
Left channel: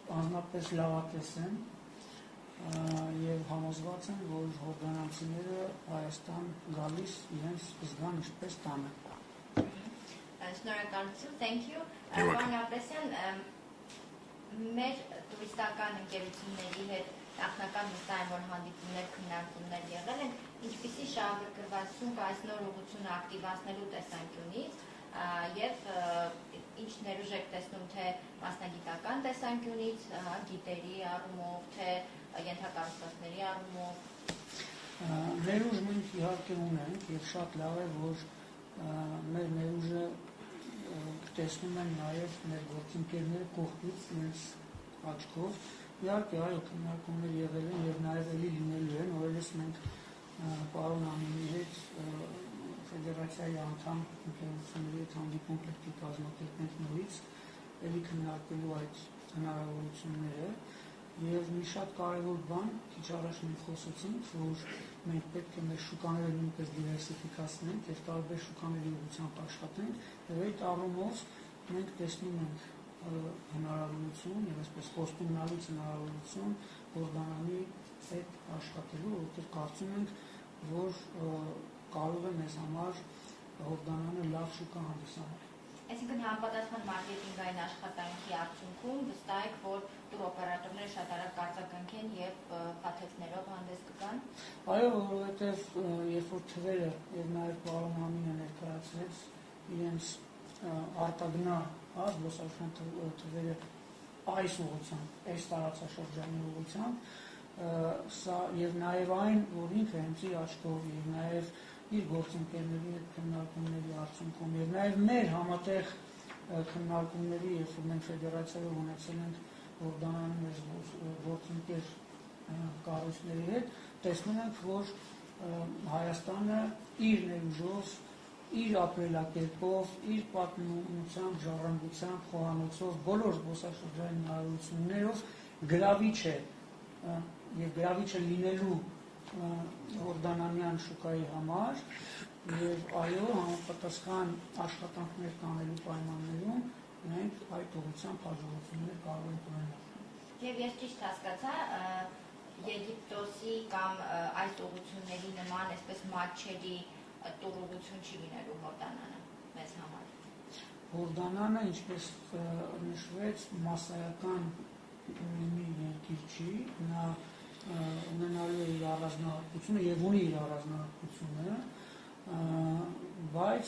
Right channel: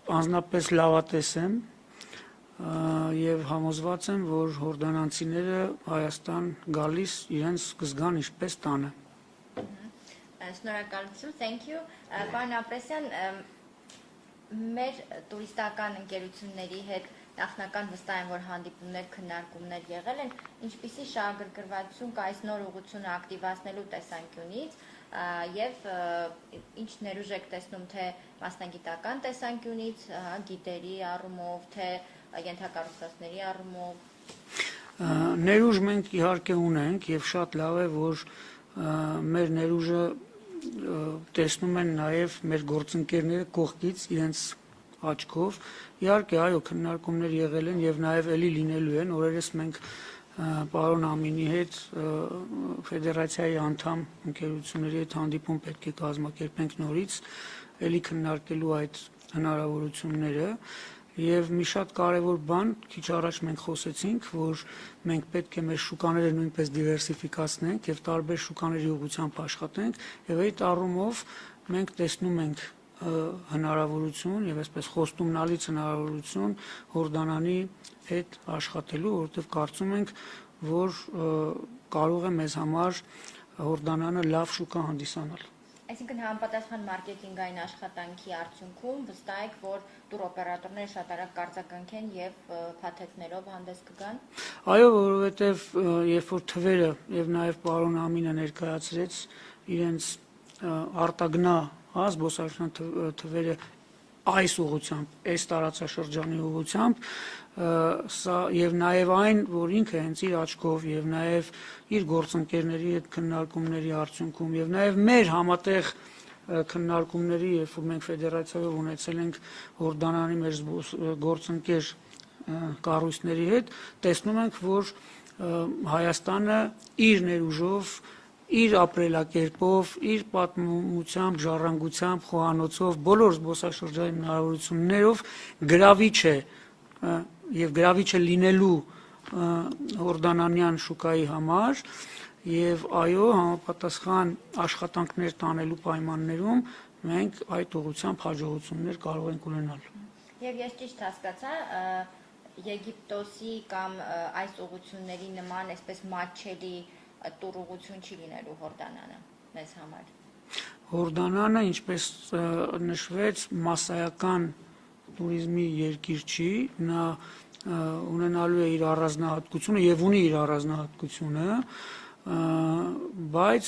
անձնապես լավատես եմ եւ համոզված եմ, որ հորդանանցիները Հայաստան գալիս իրենց կզգան ինչպես տանը։ Շնորհակալություն, thank you. Պարոն Ապրեսյան, մեր տուրիստական ընկերությունների հետ նախնական վստահ եմ, որ հանդիպումներ, քննարկումներ եղել են, ինչպիսի շահագրգռվածություն կա այս նոր ուղղությունը ակտիվացնելու տեսանկյունից եւ ինչ ներուժ եք տեսնում թե մասնագիտական տեսանկյունից, գիտերի առումով, թե ենթակառուցվածքների առումով։ Ներուժ մենք իհարկե ունենք եւ շատ լավ է, որ մեր ներուժը տեսնում են նաև մեր գործընկերները կողքից իրենց աչքով։ Իհարկե, այո, քննարկումներ եղել են եւ նաև էլի լինելու են, օրերս մենք պարոն Ամինի հետ ֆեդերացիայի անդամ ընկերությունների հետ հանդիպում պետք է կազմակերպենք նորից, էլի քննարկելու այդ հնարավորությունները եւ մի շատ կարեւոր բան, քիչ առաջ մենք խոսեցինք, որ մենք պետք է մեր շուկաները նույնպես դիվերսիֆիկացնենք եւ տարբեր շուկաների ուղղությամբ աշխատենք եւ այդ առումով մենք տեսնում ենք հնարավորություն եւ այսպես խոստումնալից հնարավորություն Հորդանանի հետ աշխատելու, որովհետեւ կարծում ենք, որ կարող է մեզ համար Հորդանանը լավ շուկա հանդիսանալ։ Այսինքն համապատասխան մարքեթինգային աշխատանքի արդյունքում վստահ եք, որ տուրօպերատորները շատ արագ կարձականքեն եւ փաթեթներով հանդես կգան։ Այո, որովհետեւ երբ որ թվերը եւ նաեւ պարոն Ամինը ներկայացրեց իրենց արտագնա զբոսաշրջան թվերը այս ուղղությամբ, այս տարածաշրջանի ուղղությամբ, սա եւ նաեւ այն, որ ինքը հենց իր աչքով եւ նաեւ իր գործընկերների հետ քննարկումների արդյունքում եւ նաեւ մեր համատեղ քննարկումների, երբ որ մենք ֆեդերացիայով ունեցել ենք Հորդանանի մեր գործընկեր կառույցների հետ, տեսնում ենք, որ Հայաստանը իր ներուժով, իր ապրելակերպով, իր պատմությամբ, ժառանգությամբ, խոհանոցով, բոլոր զբոսաշրջային հնարավորություններով գրավիչ է եւ գրավիչ է լինելու հորդանանյան շուկայի համար եւ այո, համապատասխան աշխատանքներ տանելու պայմաններում մենք այդ ուղղությամբ հաջողություններ կարող ենք ունենալ։ Եվ ես ճիշտ հասկացա, Եգիպտոսի կամ այս ուղղությունների նման այսպես մատչելի տուրուղություն չի լինելու Հորդանանը մեզ համար։ Հորդանանը, ինչպես նշվեց, մասսայական տուրիզմի երկիր չի, նա ունենալու է իր առանձնահատկությունը եւ ունի իր առանձնահատկությունը, բայց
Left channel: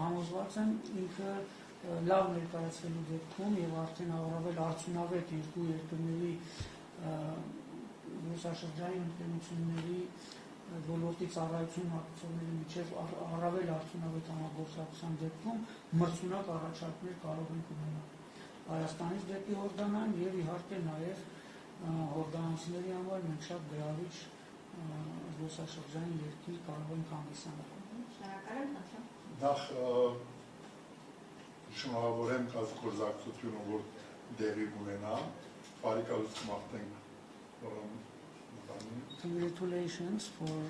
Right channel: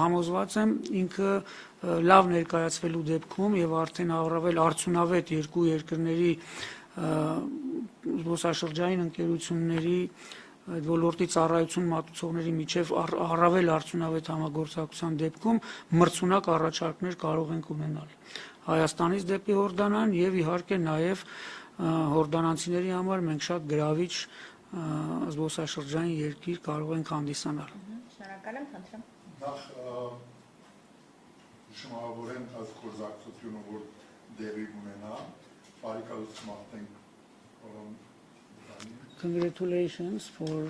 համոզված եմ ինքը լավ ներկայացվելու դեպքում եւ արդեն առավել արդյունավետ երկու երկրների զբոսաշրջային ընկերությունների այդ ոլորտի ծառայություն մատուցողների միջև առավել արդյունավետ համագործակցության դեպքում մրցունակ առաջարկներ կարող ենք ունենալ Հայաստանից դեպի Հորդանան եւ իհարկե նաեւ հորդանանցիների համար մենք շատ գրավիչ զբոսաշրջային երկիր կարող ենք հանդիսանալ։ Շնորհակալ եմ, խնդրեմ։ Նախ շնորհավորեմ կազմակերպությունը, որ դերի ունենա, բարեկամություն մաղթենք Congratulations for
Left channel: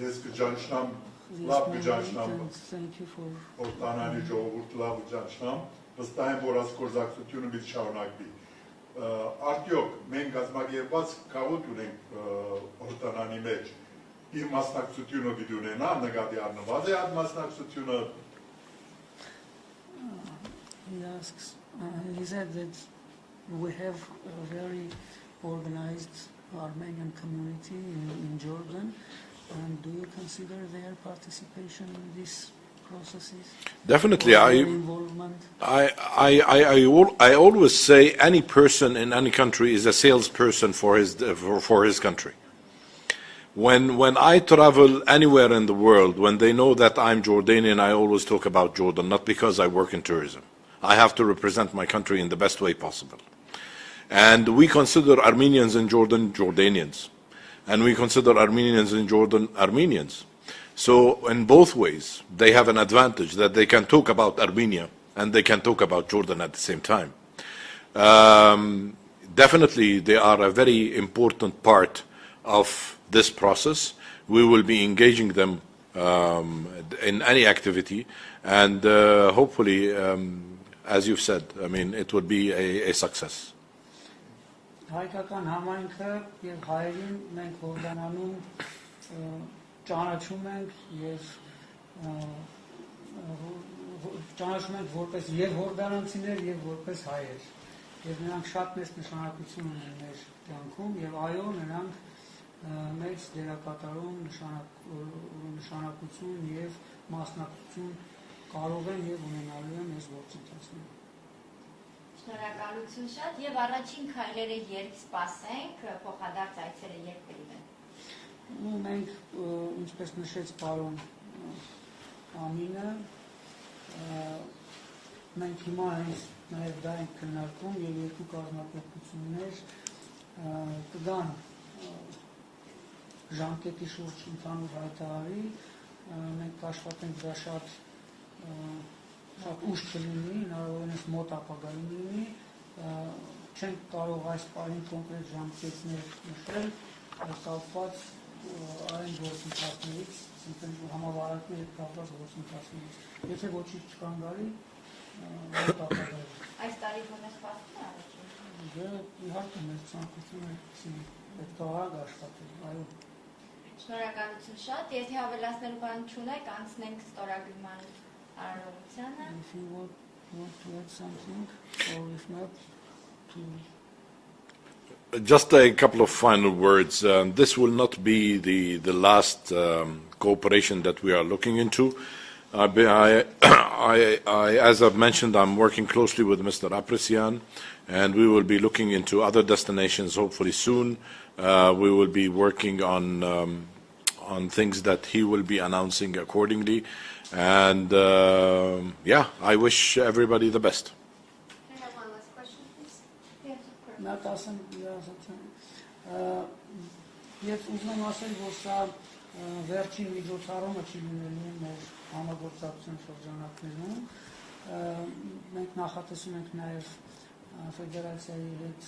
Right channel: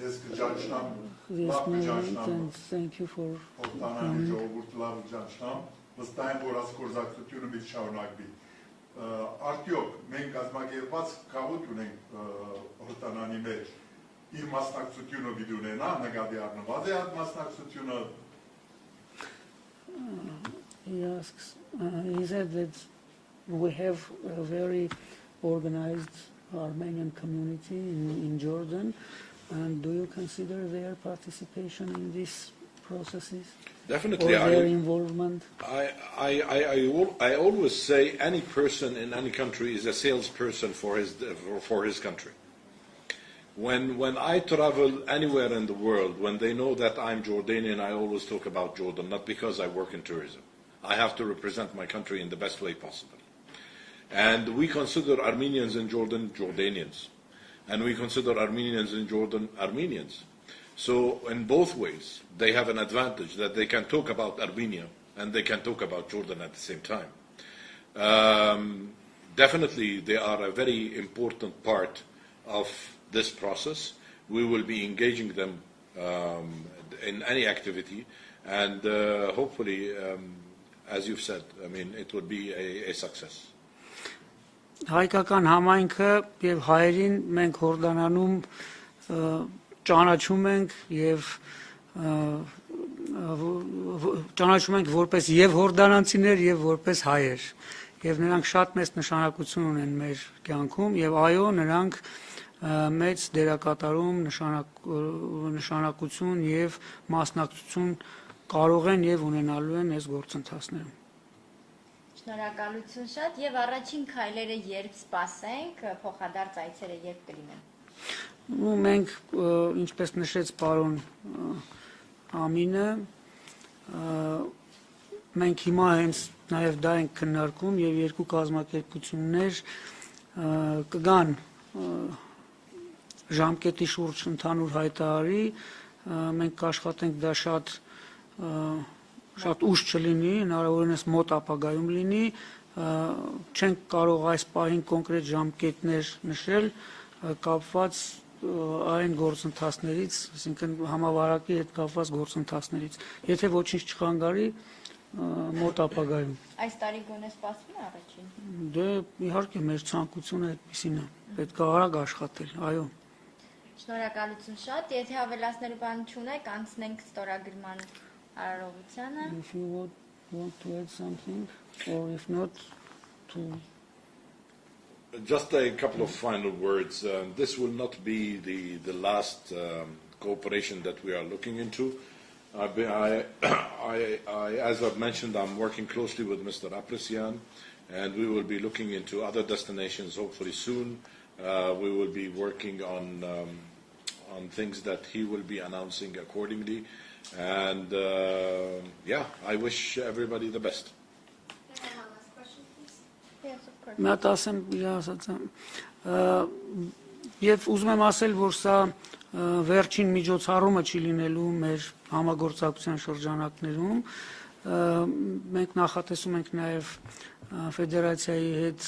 Ես կճանչնամ, this լավ merit կճանչնամ, and thank you for Հորդանանի ժողովուրդ լավ կճանչնամ, վստահ եմ, որ կազմակերպությունը մի շարունակվի։ Արդյոք մենք կազմակերպված քաղաք ունենք Հորդանանի մեջ, իր մասնակցությունը պիտի ունենա, նկատի առնված է այդ մասնակցությունը։ He asks, he said that we have a very organized Armenian community in Jordan, and do you consider their participation in these processes? Definitely, Or their involvement? I always say any person in any country is a salesperson for his country. When I travel anywhere in the world, when they know that I'm Jordanian, I always talk about Jordan, not because I work in tourism. I have to represent my country in the best way possible. And we consider Armenians in Jordan Jordanians, and we consider Armenians in Jordan Armenians. So in both ways, they have an advantage that they can talk about Armenia and they can talk about Jordan at the same time. Definitely, they are a very important part of this process. We will be engaging them in any activity, and hopefully, as you've said, I mean, it would be a success. Հայկական համայնքը եւ հայերին մենք Հորդանանում ճանաչում ենք եւ ճանաչում ենք որպես եւ հորդանանցիներ եւ որպես հայեր եւ նրանք շատ մեծ նշանակություն ունեն մեր կյանքում եւ այո նրանք մեծ դերակատարում նշանակություն եւ մասնակցություն կարող են եւ ունենալու են այս գործընթացներում։ Շնորհակալություն շատ եւ առաջին քայլերը երբ սպասենք, փոխադարձ այցերը երբ կլինեն։ Ու մենք ինչպես նշեց պարոն Ամինը, մենք հիմա հենց նաեւ դա ենք քննարկում եւ երկու կազմակերպություններ կգան ժամկետի շուրջ ընդհանուր հայտարարի, մենք կաշխատենք դա շատ ուշ չլինի, հնարավորինս մոտ ապագայում լինի, չենք կարող այս պահին կոնկրետ ժամկետներ նշել, կապված այն գործընթացներից, այսինքն համավարակի հետ կապված գործընթացներից։ Եթե ոչինչ չխանգարի, մոտ ապագայում։ Այս տարի գոնե սպասվում է առաջին։ Դե իհարկե մեր ցանկությունը այդպեսին է, պետք է արագ աշխատել, այո։ Շնորհակալություն շատ, եթե ավելացնելու բան չունեք, անցնենք ստորագրման արարողությանը։ If you want to add something, or if not, to... Just a couple of final words. This will not be the last cooperation that we are looking into. As I've mentioned, I'm working closely with Mr. Ter-Petrosian, and we will be looking into other destinations hopefully soon. We will be working on things that he will be announcing accordingly. And yeah, I wish everybody the best. Can I have one last question, please? Yes, of course. Մատ ասեմ, ասած եմ, եւ ուզում եմ ասել, որ սա վերջին միջոցառումը չի լինելու մեր համագործակցության շրջանակներում, մենք նախատեսում ենք նաեւ ֆեդերացիայի հետ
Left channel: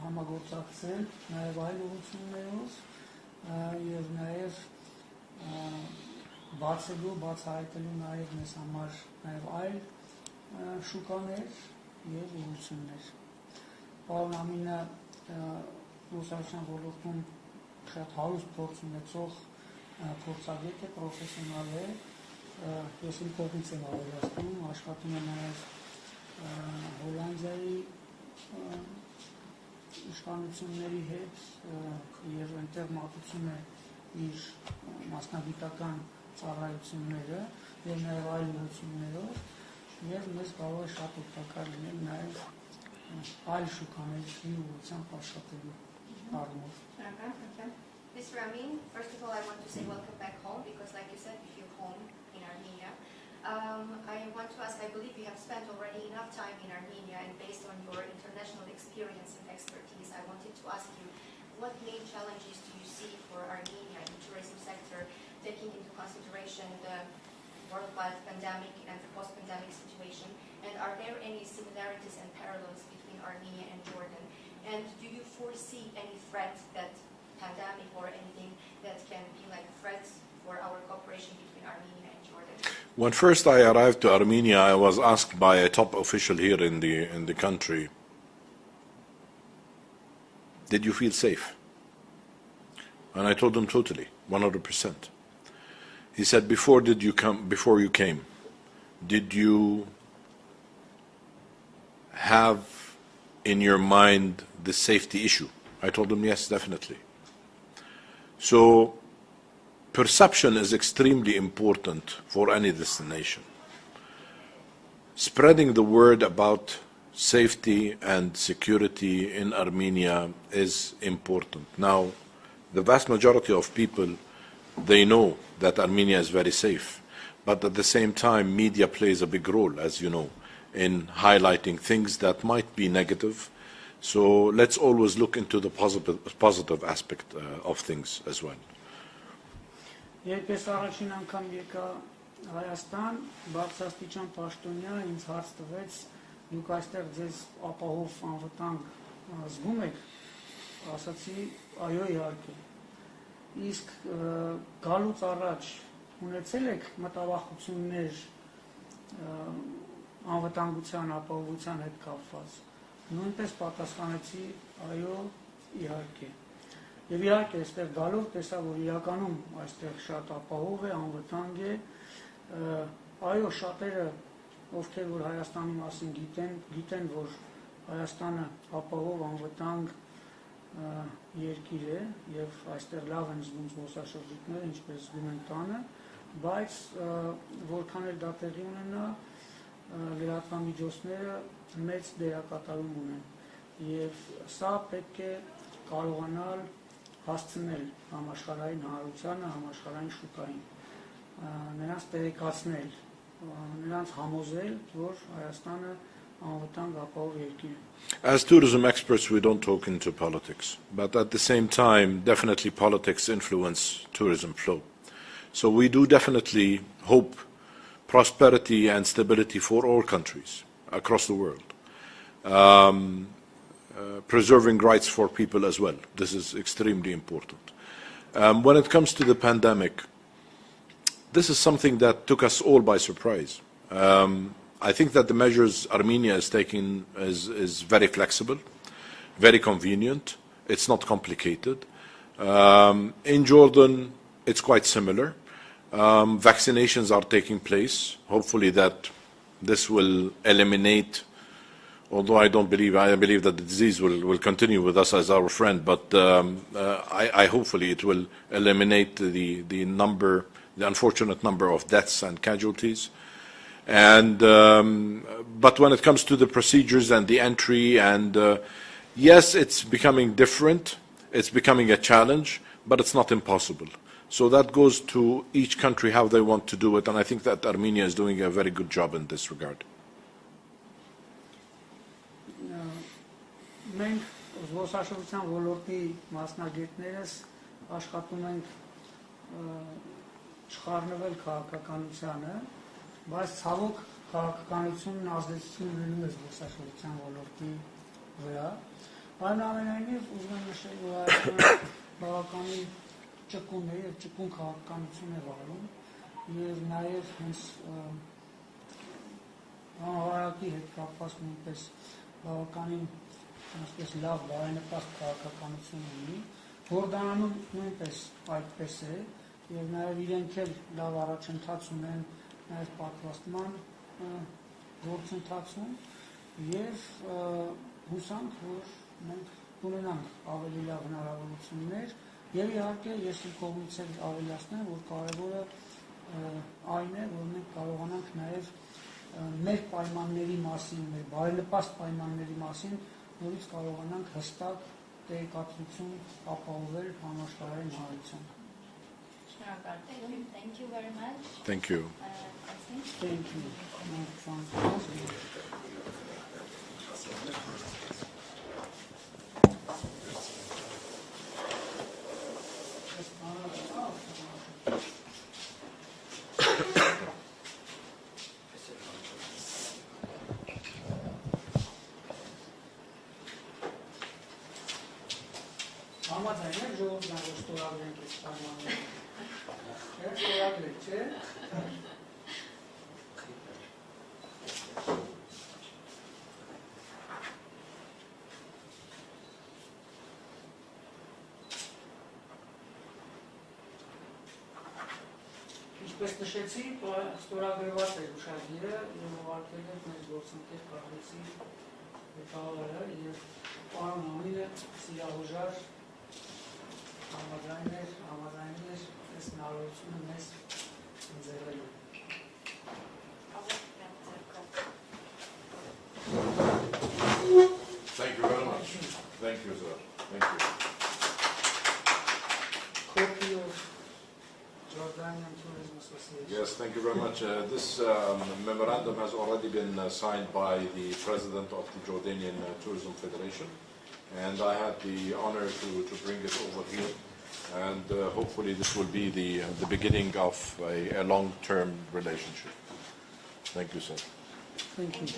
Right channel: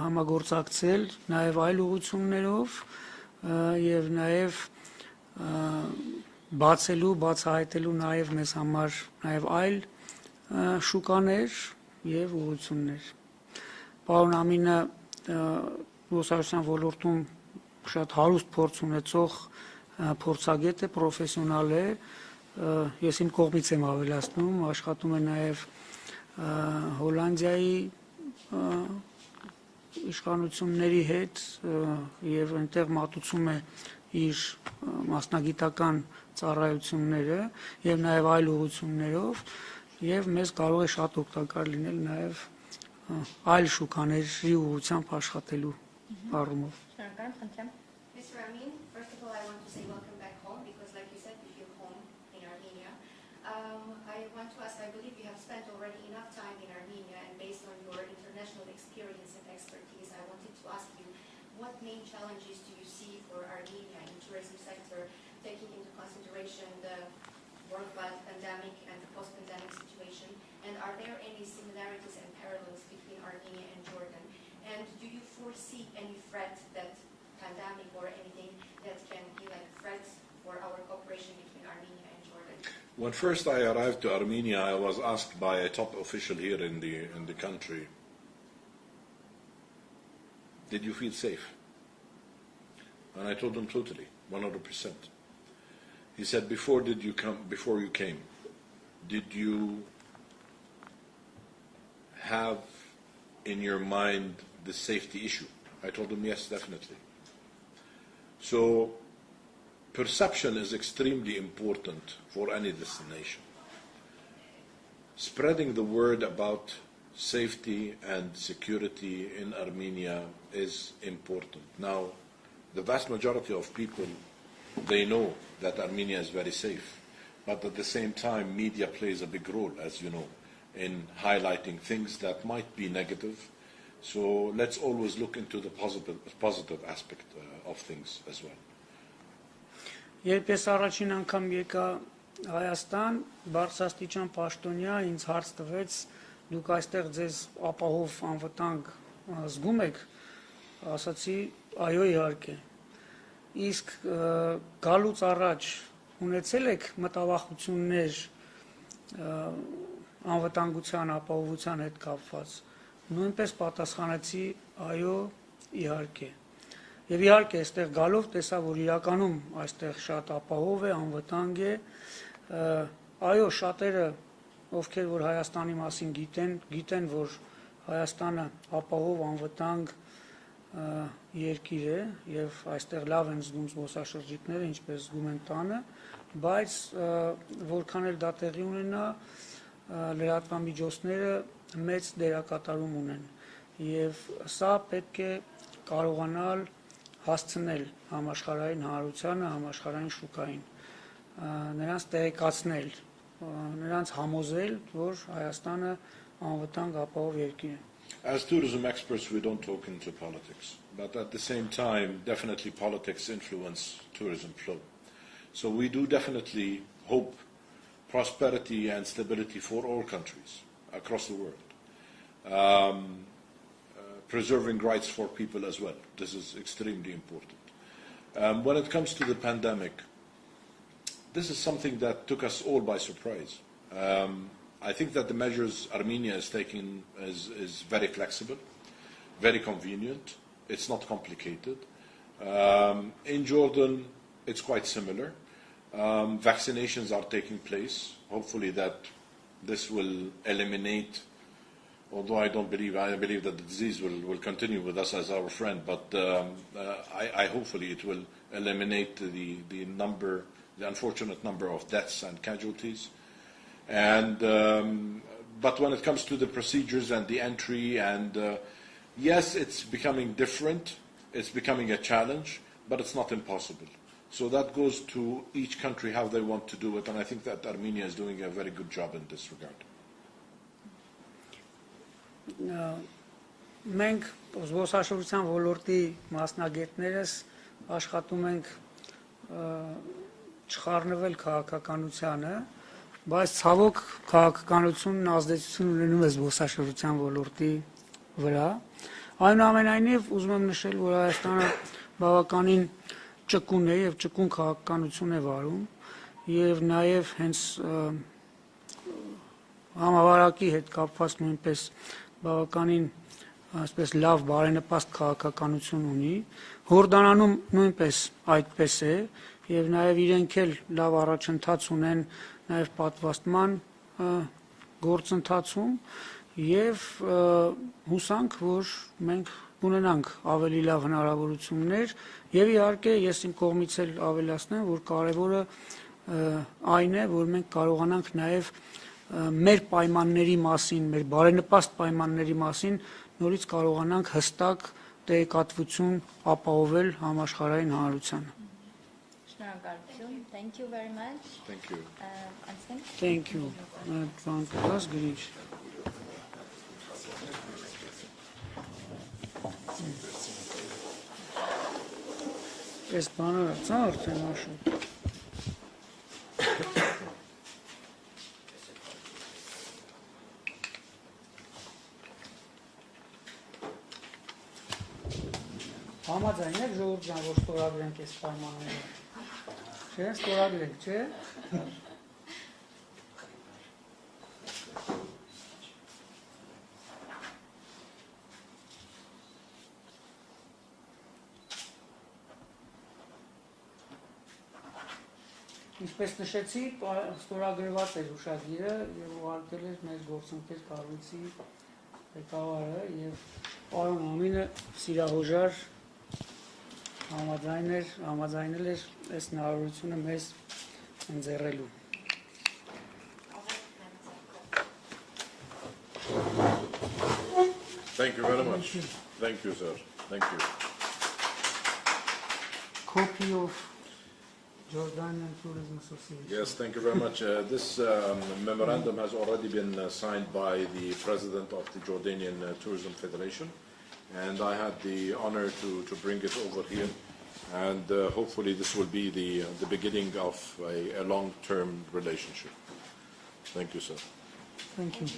համագործակցել նաեւ այլ ուղղություններով եւ նաեւ բացահայտելու նաեւ մեզ համար նաեւ այլ շուկաներ եւ ուղղություններ։ Պարոն Ամինը զբոսաշրջության ոլորտում շատ հարուստ փորձ ունեցող փորձագետ է, պրոֆեսիոնալ է, ես իմ կողմից եմ ավելացնում, աշխատում է նաեւ Հոլանդիայի իշխանությունների հետ եւ այնտեղ մատուցում է իր մասնագիտական ծառայությունները եւ նաեւ այլ ուղղություններով եւ մեզ կարող է շատ օգտակար լինել նաեւ այլ շուկաների ուղղությամբ աշխատելու առումով։ Mr. Amin, first of all, I want to say welcome back home because, like you said, you feel home in Armenia. I want to ask, I believe you have spent already enough time in Armenia, and based on your international experience and expertise, I wanted to ask you, what main challenges do you see for Armenia in the tourism sector, taking into consideration the worldwide pandemic and the post-pandemic situation? And are there any similarities and parallels between Armenia and Jordan? And do you foresee any threat that pandemic or anything that can be like threats for our cooperation between Armenia and Jordan? When first I arrived to Armenia, I was asked by a top official here in the country, did you feel safe? And I told him totally, 100%. He said, before you came, did you have in your mind the safety issue? I told him, yes, definitely. So perception is extremely important for any destination. Spreading the word about safety and security in Armenia is important. Now, the vast majority of people, they know that Armenia is very safe, but at the same time, media plays a big role, as you know, in highlighting things that might be negative. So let's always look into the positive aspect of things as well. Երբ ես առաջին անգամ եկա Հայաստան, բարձրաստիճան պաշտոնյա ինձ հարց տվեց, դուք այստեղ ձեզ ապահով անվտանգ զգում եք, ասացի, այո, իհարկե։ Իսկ գալուց առաջ ունեցել եք մտավախություններ անվտանգության ապահովության հետ կապված, նույնպես պատասխանեցի, այո, իհարկե։ Եվ իհարկե, այստեղ գալով տեսա, որ իրականում այստեղ շատ ապահով է, անվտանգ է, այո, շատերը, ովքեր որ Հայաստանի մասին գիտեն, որ Հայաստանը ապահով, անվտանգ երկիր է, եւ այստեղ լավ են զգում զբոսաշրջիկները, ինչպես զգում են տանը, բայց որքան էլ դա տեղի ունենա, լրատվամիջոցները մեծ դերակատարում ունեն եւ սա պետք է կարողանալ հասցնել համաշխարհային հանրությանը, համաշխարհային շուկային, նրանց տեղեկացնել, նրանց համոզել, որ Հայաստանը անվտանգ ապահով երկիր է։ As tourism experts, we don't talk into politics, but at the same time, definitely politics influence tourism flow. So we do definitely hope prosperity and stability for all countries across the world. Preserving rights for people as well. This is extremely important. When it comes to the pandemic, this is something that took us all by surprise. I think that the measures Armenia is taking is very flexible, very convenient. It's not complicated. In Jordan, it's quite similar. Vaccinations are taking place. Hopefully that this will eliminate, although I believe that the disease will continue with us as our friend, but hopefully it will eliminate the unfortunate number of deaths and casualties. And but when it comes to the procedures and the entry, and yes, it's becoming different, it's becoming a challenge, but it's not impossible. So that goes to each country how they want to do it, and I think that Armenia is doing a very good job in this regard. Մենք զբոսաշրջության ոլորտի մասնագետներս աշխատում ենք չխառնվել քաղաքականությանը, բայց ցավոք քաղաքականությունն ազդեցություն ունենում է զբոսաշրջության ոլորտի վրա։ Այնուամենայնիվ ուզում եմ նշել, որ Հայաստանը բավականին ճկուն է եւ ճկուն քաղաքականություն է վարում եւ նաեւ հենց համավարակի հետ կապված նույնպես բավականին այսպես լավ բարենպաստ քաղաքականություն ունի։ Հորդանանում նույնպես այդպես է եւ նաեւ իրենք էլ լավ առաջընթաց ունեն նաեւ պատվաստման գործընթացում եւ հուսանք, որ մենք կունենանք ավելի լավ հնարավորություններ եւ իհարկե ես իմ կողմից էլ ավելացնեմ, որ կարևորը այն է, որ մենք կարողանանք նաեւ մեր պայմանների մասին, մեր բարենպաստ պայմանների մասին նորից կարողանանք հստակ տեղեկատվություն ապահովել համաշխարհային հանրությանը։ Շնորհակալություն. Thank you very much. Thank you. Thank you. Fantas գրիչ։ Ես բանը ցա արդեն աշու։ Համաձայն եք ժողովրդան, որ ստորագրենք այս պայմանները։ Չէ, ստորագրենք, չէ։ Ինչպես նշեցի, ստորագրված է հուշագիրը եւ ուղարկել է մեր գործընկեր կառույցի ղեկավարը եւ պարոն Համինը սիրահոժար համաձայնել էր այս հնարավորությունը մեզ ընձեռելու։ Thank you very much. Thank you, sir. Thank you. Copy of Jordanian Tourism Association. Yes, thank you very much. This memorandum has already been signed by the president of the Jordanian Tourism Federation, and I had the honor to bring it over here. And hopefully this will be the beginning of a long-term relationship. Thank you, sir. Thank you.